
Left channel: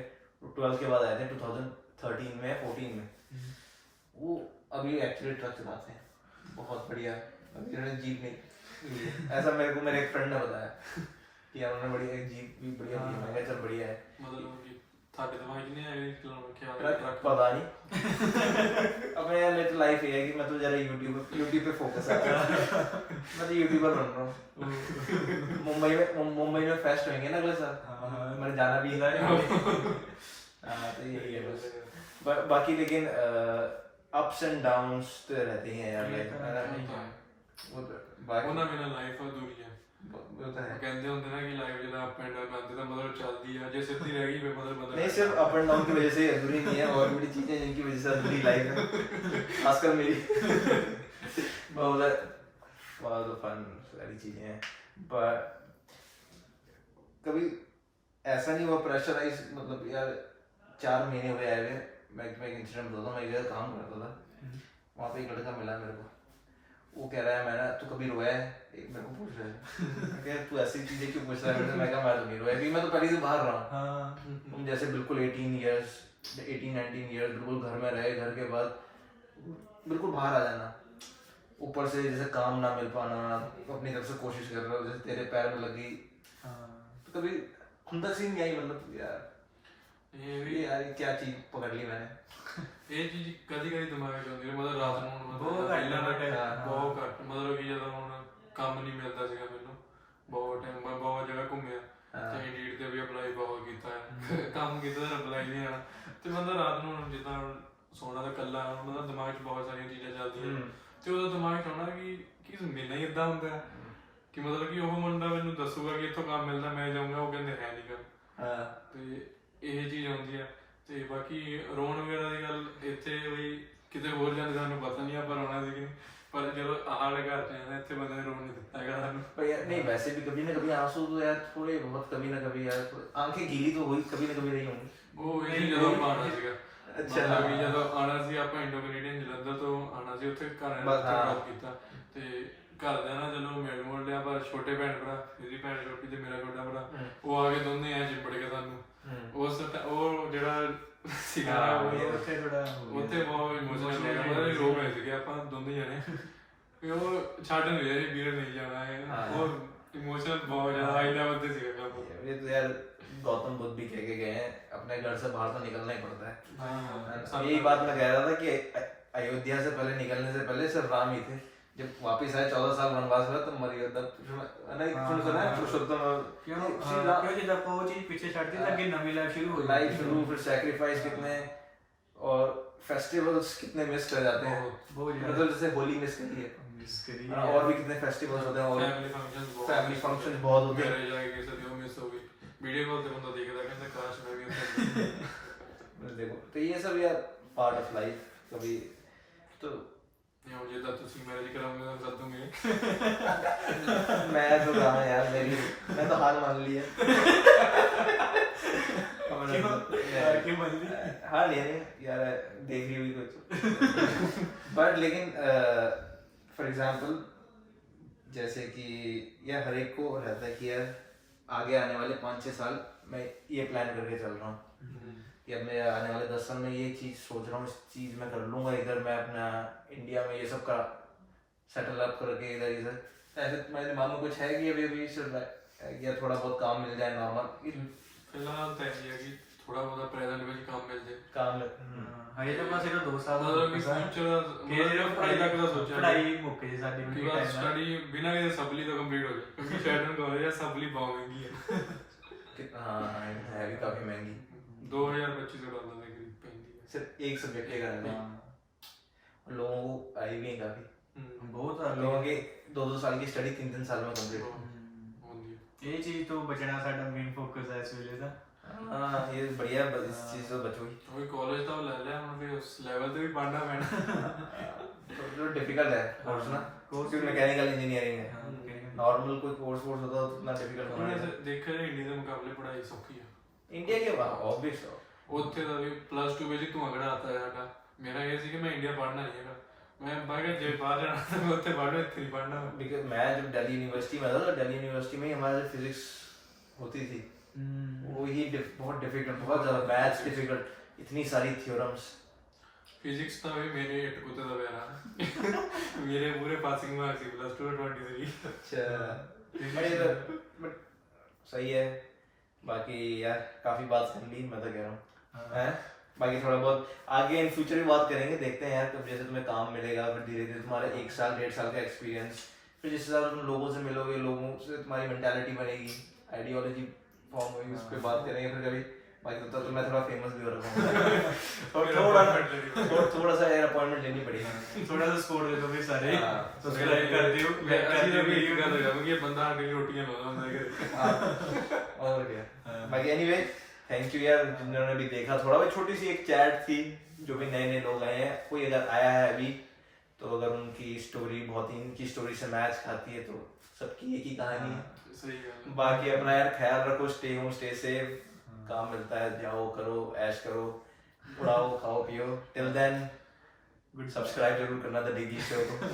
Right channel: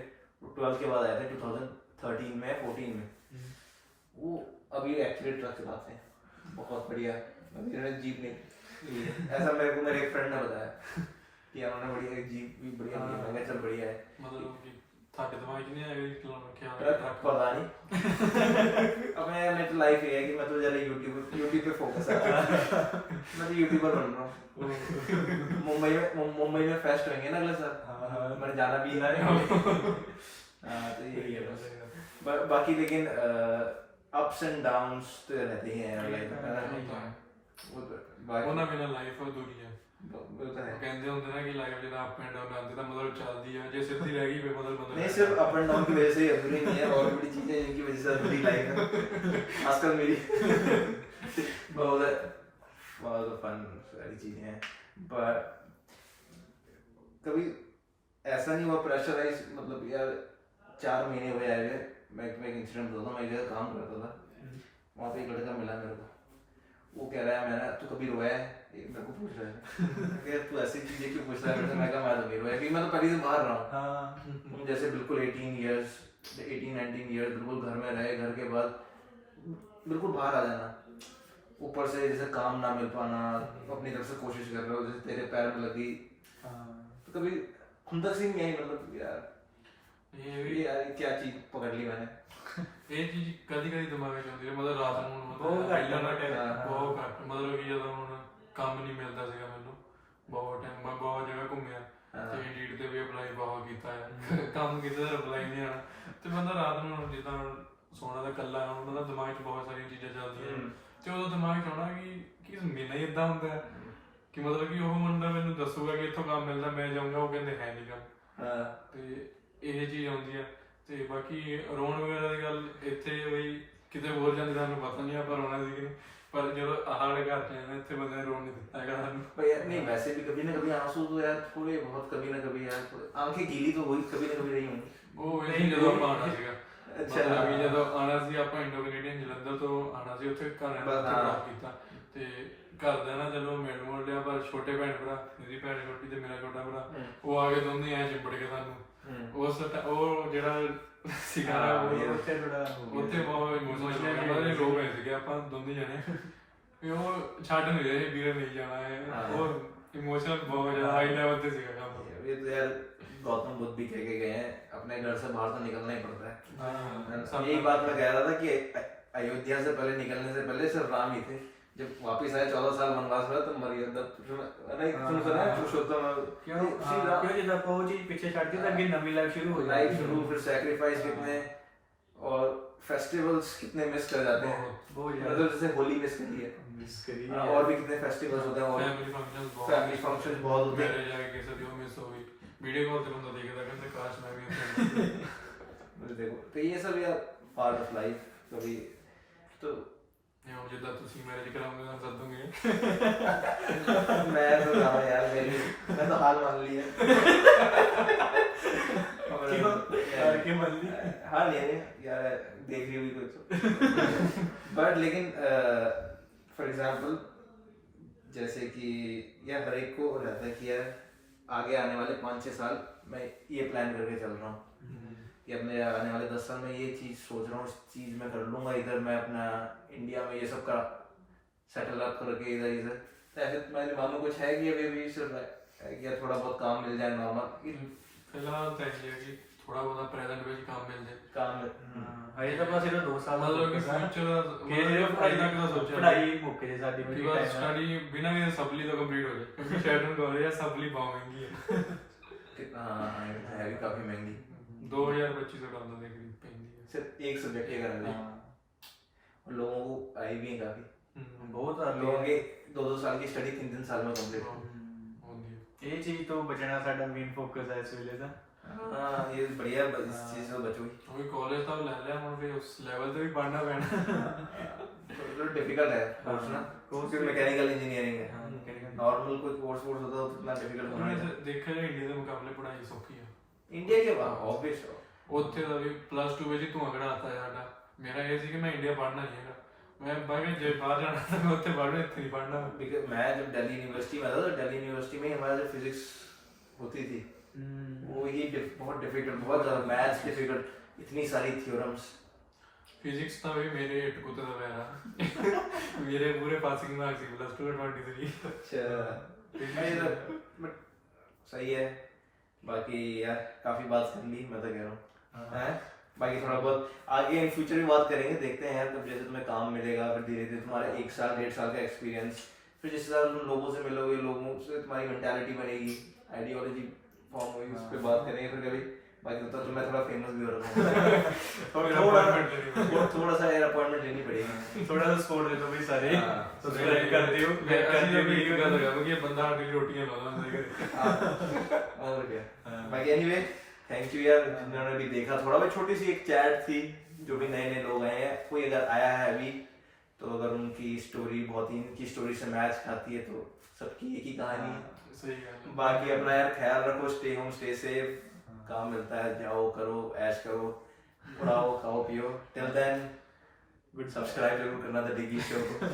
12th के बाद आए थे 2013 में 14 में। वो अभी एक्चुअली ट्रक चलाते हैं, बहुत बढ़िया है। जिन्होंने जीप नहीं ली है, ऐसा मेरे को मेरे एक फ्रेंड ने बताया कि उन्होंने बढ़िया एक जीप भी बढ़िया ली है। मैं कहा चल बढ़िया है। मतलब कि थाड़े दिमाग च नहीं आ गई ख्याल ट्रक पता नहीं। अब मैं मेरी तो लाइफ ये है कि मैं तो जरा यूट्यूब पे फोकस है। मैं तो यूट्यूबर बन रहा हूँ। मुंबई में फेस्ट होंगे ना अगले साल, मैंने जाना भी है। हाँ तो यही है बस। बाकी लेकिन अप्स एंड डाउन्स तो रहते ही हैं यार लाइफ में। वो तो बाकी ਉਹਨਾਂ ਬਿਨਾਂ ਲਾਈਫ ਅਧੂਰੀ ਹੈ। वो तो है। ਕਹਿੰਦੇ ਹੁੰਦੇ ਨਾ ਕਿ ਲਾਈਫ ਜਦੋਂ ਅਪ ਐਂਡ ਡਾਊਨ ਆਉਂਦੇ ਤਾਂ ਮਤਲਬ ਚੱਲਦੀ ਆ, ਜੇ ਸਿੱਧੀ ਰਹਿ ਗਈ ਫਿਰ ਮਤਲਬ ਬਦਲ नहीं सिर्फ अप एंड डाउन की वजह से ही अधूरी नहीं है, और भी बड़ी चीजें हैं जिनकी वजह से अधूरी लाइफ है। खासकर मेरी बहुत फन सारी चीजें हैं, पर कभी ऐसा नहीं हुआ प्रेशराइज, मतलब यार 4 महीने हुए आए हुए। मैं एक इंसिडेंट बताता हूँ। मैं एक जगह काम करता था, वहाँ पे एक लड़का मिला मेरे को। वो कह रहा है मैंने तू कभी रोया है, मेरे को पूछ रहा है तू ऐसी चीजें क्यों पूछ रहा है मेरे से। मैं कहा मैं तो नहीं रोया, क्योंकि मैं तो पहले से बाहर रहा हूँ। जैसे बिल्कुल 18 इयर्स 18-19 इयर्स बिल्कुल घर में रहे, घर के बाद बिल्कुल बाहर आ जाना, ऊपर से जैसे काम ना मिल पाना, अपनी तरफ से कोशिश कर रहे हो, जैसे तेरे पैर में लग गई, तो कभी खुंदक सी नहीं आई, मतलब यार ये यार क्या चीज पकड़ ली मैंने। ਇਹ ਚੀਜ਼ ਕਦੀ ਕਦੀ ਦਿਮਾਗ 'ਚ ਆਉਂਦੀ ਹੈ, ਮਤਲਬ ਰਾਤ ਨੂੰ ਬਹੁਤ ਘੱਟ ਪਹਿਲਾਂ ਨਾ time, ਬਹੁਤ ਘੱਟ, ਮਤਲਬ ਕਿ ਜਦੋਂ ਹੁਣ ਕੰਮ ਨਹੀਂ ਮਿਲਦਾ ਸੀਗਾ ਮੈਨੂੰ, ਬਹੁਤ ਟਾਈਮ ਮੈਂ ਬਹੁਤ ਜਗ੍ਹਾ ਘੁੰਮਿਆ ਤੇ ਇੰਡੀਡ ਤੇ ਵੀ ਅਪਲਾਈ ਬਹੁਤ ਕੀਤਾ ਹੈ, ਕੰਮ ਕੀਤਾ ਤਾਂ ਅਪਲਾਈ ਨਹੀਂ ਆਣਾ, ਤੇ ਮਤਲਬ ਰਾਤ ਨੂੰ ਜਿੱਦਾਂ ਸੋਣਾ ਤਾਂ ਇਕੱਲਾ, ਮਤਲਬ ਦਿਮਾਗ 'ਚ ਬਹੁਤ ਸਾਰੀਆਂ ਚੀਜ਼ਾਂ ਚੱਲਦੀਆਂ ਤੇ ਉਦੋਂ ਦਿਮਾਗ 'ਚ ਆਉਣਾ ਕਿ ਮੈਨੂੰ ਹੀ ਇਦਾਂ ਹੁੰਦਾ ਕਿ ਮਤਲਬ ਕਿ ਉਹ ਮੁੰਡਾ ਮੈਨੂੰ ਦੱਸੂਗਾ ਕਿ ਇੱਥੋਂ ਕੰਮ ਮਿਲਦਾ, ਮੈਂ ਜਾਊਂਗਾ, ਉਹ ਕਹਿੰਦੇ ਹੈ ਨਹੀਂ ਕੰਮ, ਤੇ ਇਹ ਚੀਜ਼ ਆਉਂਦੀ ਹੈ। ਤੇ ਬਾਕੀ ਰੋਣ ਵਗੈਰਾ ਦੀ ਗੱਲ ਇੱਥੇ ਬਈ ਕਿਤੇ ਹੋਰ ਜਾਂਦੇ ਸਾਨੂੰ ਪਤਾ ਨਹੀਂ ਆਪਾਂ ਰੋਣਾ ਸੀ ਕਿ ਨਹੀਂ, पर जो हार्ड करते हैं ना इतने बंदे ने रोने देता है पर यार नहीं वैसे भी कभी ना कभी आंसू तो यार थोड़े बहुत कभी ना कभी यार आंखें गीली तो हुई कभी ना कभी रही होंगी। वो ये ਜਦੋਂ ਆਪਾਂ ਆਣਾ ਸੀਗਾ ਅੱਛਾ ਵੀ ਜਦੋਂ ਆਣਾ ਸੀ ਆਪਾਂ ਇੰਡੋ ਕੈਨੇਡੀਅਨ ਜਲੰਧਰ ਤੋਂ ਆਣਾ ਸੀ, ਉੱਥੇ ਘਰ ਨਾਲ ਗੱਲ ਕੀਤਾ ਤੇ ਘਰਦਿਆਂ ਨਾਲ ਚਲੋ ਮਿਲ ਮੁਲ ਲਿਆ, ਪਰ ਛੋਟੇ ਭੈਣ ਭਰਾ, ਮੇਰੀ ਭੈਣ ਛੋਟੀ ਤੇ ਮੇਰਾ ਛੋਟਾ ਭਰਾ, ਉਹ ਆ ਕੇ ਦੋਨੇ ਐ ਚਿੰਬੜ ਕੇ ਸਾਨੂੰ ਉਸ ਉਹ ਜਿਹੜਾ ਸੀਗਾ ਉੱਥੇ ਥੋੜਾ ਉੱਥੇ ਬਹੁਤ ਇਮੋਸ਼ਨਲ ਹੋ ਗਿਆ, ਮਤਲਬ ਰੋ ਗਏ ਸੀਗੇ ਆਪਾਂ ਦੋਨੇ ਜਣੇ, ਵੀ ਉਹ ਛੱਡ ਨਹੀਂ ਰਹੇ ਵੀਰੇ ਨਹੀਂ जाना है, और इमोशनल बहुत ज्यादा हाई लेवल पे सीखा काम। ये तो यार गौतम बुद्ध भी कह के गए हैं अपने घर से बाहर तो निकलना ही पड़ता है। यही बात मैं कह रहा था कि अयोध्या से पहले निकलने से पहले सिर्फ राम ही थे, जब वापस आए 14 साल वनवास हुआ तो मर्यादा नहीं तुम सुना है पुरुषोत्तम क्यों जब आपको वो चीज पीछे छाड़ दी तो आगे नई लाइफ शुरू हो लाइफ शुरू, फिर सैक्रिफाइस कितने और फेस्टिवल्स कितने मिस कर जाते हैं, मतलब जैसे होली मिस करी है और भी कितने फेस्टिवल्स होते हैं और फैमिली फंक्शंस बहुत होते हैं। मेरे जाके कैसे दियो मिस हो गई, वीडियो कॉल पे बंदा देखता कहता काश मैं भी उत्थे देखो तो ये सब यार पार्ट ऑफ लाइफ कभी तो नहीं मुझे तो तुसी मैरिज कराऊंगा तो सद दूंगे मैं तो जाना यार मेरी मैं तो हार मान ली है क्यों मान ली हाँ नहीं यार देख ली भी कुछ बट लेकिन फॉर एग्जांपल जैसे कि यार हर एक को रहता है कि यार आगे आने वाले 5-6 साल मैं ये प्लान करके चल रहा हूँ कि अब मैं आने वाले 10 साल में ये चीज़ सोच रहा हूँ, इस चीज़ मैं कर लूँगा, इधर मैं अपना इंडिया में ये सब का सेटल अप करके इधर तो ऐसे मेरे दिमाग में कुछ है कि अभी अभी चल रहा है कि यार थोड़ा बहुत काम मिल जाए नॉर्मल। फिलहाल तो ये है कि ਥੋੜਾ ਬਹੁਤਾ ਪ੍ਰੈਜ਼ੈਂਟ ਵਿੱਚ ਕੰਮ ਮਿਲ ਜਾਏ काम ਹਜੇ ਤਾਂ ਬਸ ਇਹਦਾ 2 ਸਾਲ ਦਾ ਮਤਲਬ ਕਿ focus ਆ। ਫਿਊਚਰ ਕਿ ਮਤਲਬ ਪੜ੍ਹਾਈ ਤੱਕ ਦਾ ਸੋਚਿਆ ਪੜ੍ਹਾਈ ਮੁੱਕ ਜੇ ਸਾਡੀ ਕਿ ਕੋਈ ਬਸ ਟਾਈਮ ਸਟੱਡੀ ਬਿਨਾਂ ਕਿਸੇ ਸਪਲੀ ਤੋਂ ਕੰਪਲੀਟ ਹੋ ਜਾਏ ਕਿਉਂਕਿ ਸ਼ੈਡਨ ਕਾਲਜ ਆ ਸਪਲੀ ਬਹੁਤ ਮਹਿੰਗੀ ਹੈ हाँ है भी काफी महंगी 2250 ਡਾਲਰ ਦੇ ਕਰੀਬ ਪੈਂਦੀ ਹੈ सिर्फ एक सब्जेक्ट के कारण और लोगों को आई भी है काफी ਬਹੁਤ ਆ लोगों के 2-2 साल की स्टडी 3-3 साल में कंप्लीट ਹੁੰਦੀ ਹੈ ਇਹ ਚੀਜ਼ ਤੋਂ ਬਚਣਾ ਸਾਡਾ ਮੇਨ ਫੋਕਸ ਹੈ ਇਸ ਵੇਲੇ ਦਾ। हाँ ये बढ़िया इस चीज से बचोगे ਉਹ ਕਾਲਜ ਤਾਂ ਲੈ ਲਿਆ ਹੁਣ ਫਿਰ ਉਸ ਲੈਵਲ ਤੇ ਵੀ ਪੜ੍ਹਨਾ ਪੈਣਾ तो डिफिकल्ट है कोर्स ना कोर्स भी मैकेनिकल इंजीनियरिंग है नॉर्मल कोई कोर्स होता तो उतना डिफिकल्ट होना है ਦੇਖਿਆ ਜਾਏ ਇੰਡੀਆ ਦੇ ਮੁਕਾਬਲੇ ਪੜ੍ਹਾਈ ਸੌਖੀ ਹੈ इंडिया के बाहर ऑब्वियस ਉੱਥੇ ਦਾ ਵੀ +2 ਵਿੱਚ ਧੂਆਂ ਕਢਾਤਾ ਹੈ ਸਾਡਾ ਮੇਰਾ ਇਹ ਸੀ ਕਿ ਮੈਂ ਇੰਡੀਆ पढ़ना नहीं है मैं बाहर जे बाहर जाना तो मैं ਉੱਥੇ पढ़ना ਇੱਥੇ नहीं पढ़ना बिकॉज़ मैं जब दिल्ली यूनिवर्सिटी में था तो दिल्ली यूनिवर्सिटी में हमारा जो फिजिक्स होती थी वो ही बहुत डिफिकल्ट बहुत ज्यादा मैथ्स डिफिकल्ट इतनी सारी थ्योरम्स फिजिक्स ਤਾਂ ਵੀ ਮੇਰੇ ਇੱਕ ਕੁੱਤੇ ਦਾ ਪਿਆਰਾ ਮੇਰੇ ਪੂਰੇ ਪਾਸਿੰਗ ਮਾਰਕਸ ਸੀ +2 23 अच्छा बट सही है बाकी यार काफी बात कर ली मैं तो कह रहा हूँ हैं बाकी थोड़ा बहुत आगे इन फ्यूचर में बात करेंगे देखते हैं यार तब जैसे तुम्हें काम मिलेगा फिर धीरे धीरे तुम्हारा 1 साल 1.5 साल का एक्सपीरियंस फिर जिस हिसाब से तुम लोगों से मिलोगे लोगों से तुम्हारी मेंटालिटी बनेगी आइडियोलॉजी फॉर्म होगी उस पर बात करेंगे फिर कभी बाकी तो मैं थोड़ा फेमस भी हो रहा हूँ थोड़ा सा यार अपॉइंटमेंट लेनी पड़ेगी ਥੋੜਾ ਜਿਹਾ ਸਪੋਰਟ ਦੇ ਦਿਓ ਵੀ ਸਾਰੇ ਸਬਸਕ੍ਰਾਈਬ ਕਰ ਦਿਓ मैं ਲਾਈਕ ਕਰ ਦਿਓ ਵੀਡੀਓ ਗੱਲ ਲਗਾ ਕਿ ਇਹ ਬੰਦਾ ਸਾਡੀ ਰੋਟੀਆਂ ਲਾ ਲੈਂਦਾ ਹੈ और क्या बाकी एनीवे थैंक यू यार जिन्होंने भी देखा थोड़ा बहुत छोटी सी एक चैट थी जो भी नए नए लोग आए हैं कोई अगर आया है अभी तो अगर उनकी स्टोरी बहुत ही इनकी स्टोरी से मैच खाती है तो सबकी एक ही कहानी है सही गल बाकी अपना यार ख्याल रखो स्टे होम स्टे सेफ काम मिलता है जाओ करो ऐश करो उड़ाओ खाओ पियो टिल देन गुड सब्सक्राइब जरूर करना था डिगी शो को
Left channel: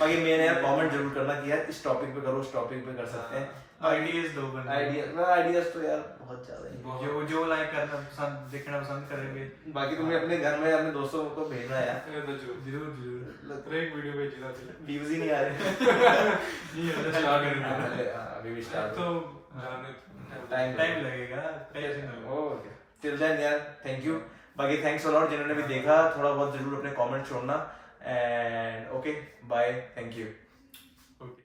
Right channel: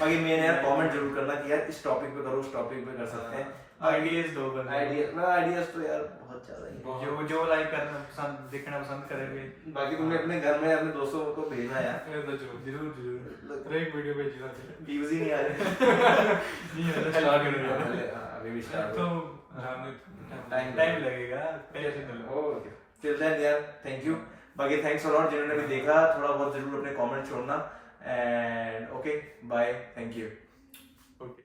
बाकी मेन है कमेंट जरूर करना कि यार इस टॉपिक पे करो उस टॉपिक पे कर सकते हैं आइडियाज दो बंदे आइडियाज तो यार बहुत ज्यादा ही जो जो लाइक करना पसंद देखना पसंद करेंगे बाकी तुम्हें अपने घर में अपने दोस्तों को भेजना है यार ਇਹ ਤਾਂ ਜ਼ਰੂਰ जरूर जरूर हर एक वीडियो भेजी जाती है व्यूज ही नहीं आ रहे नहीं है स्टार्ट करेंगे अभी भी स्टार्ट तो जाने टाइम लगेगा टेंशन ना लो ओके टिल देन यार थैंक यू बाकी थैंक्स अ लॉट जिन्होंने भी देखा थोड़ा बहुत जरूर अपने कमेंट छोड़ना and okay bye thank you okay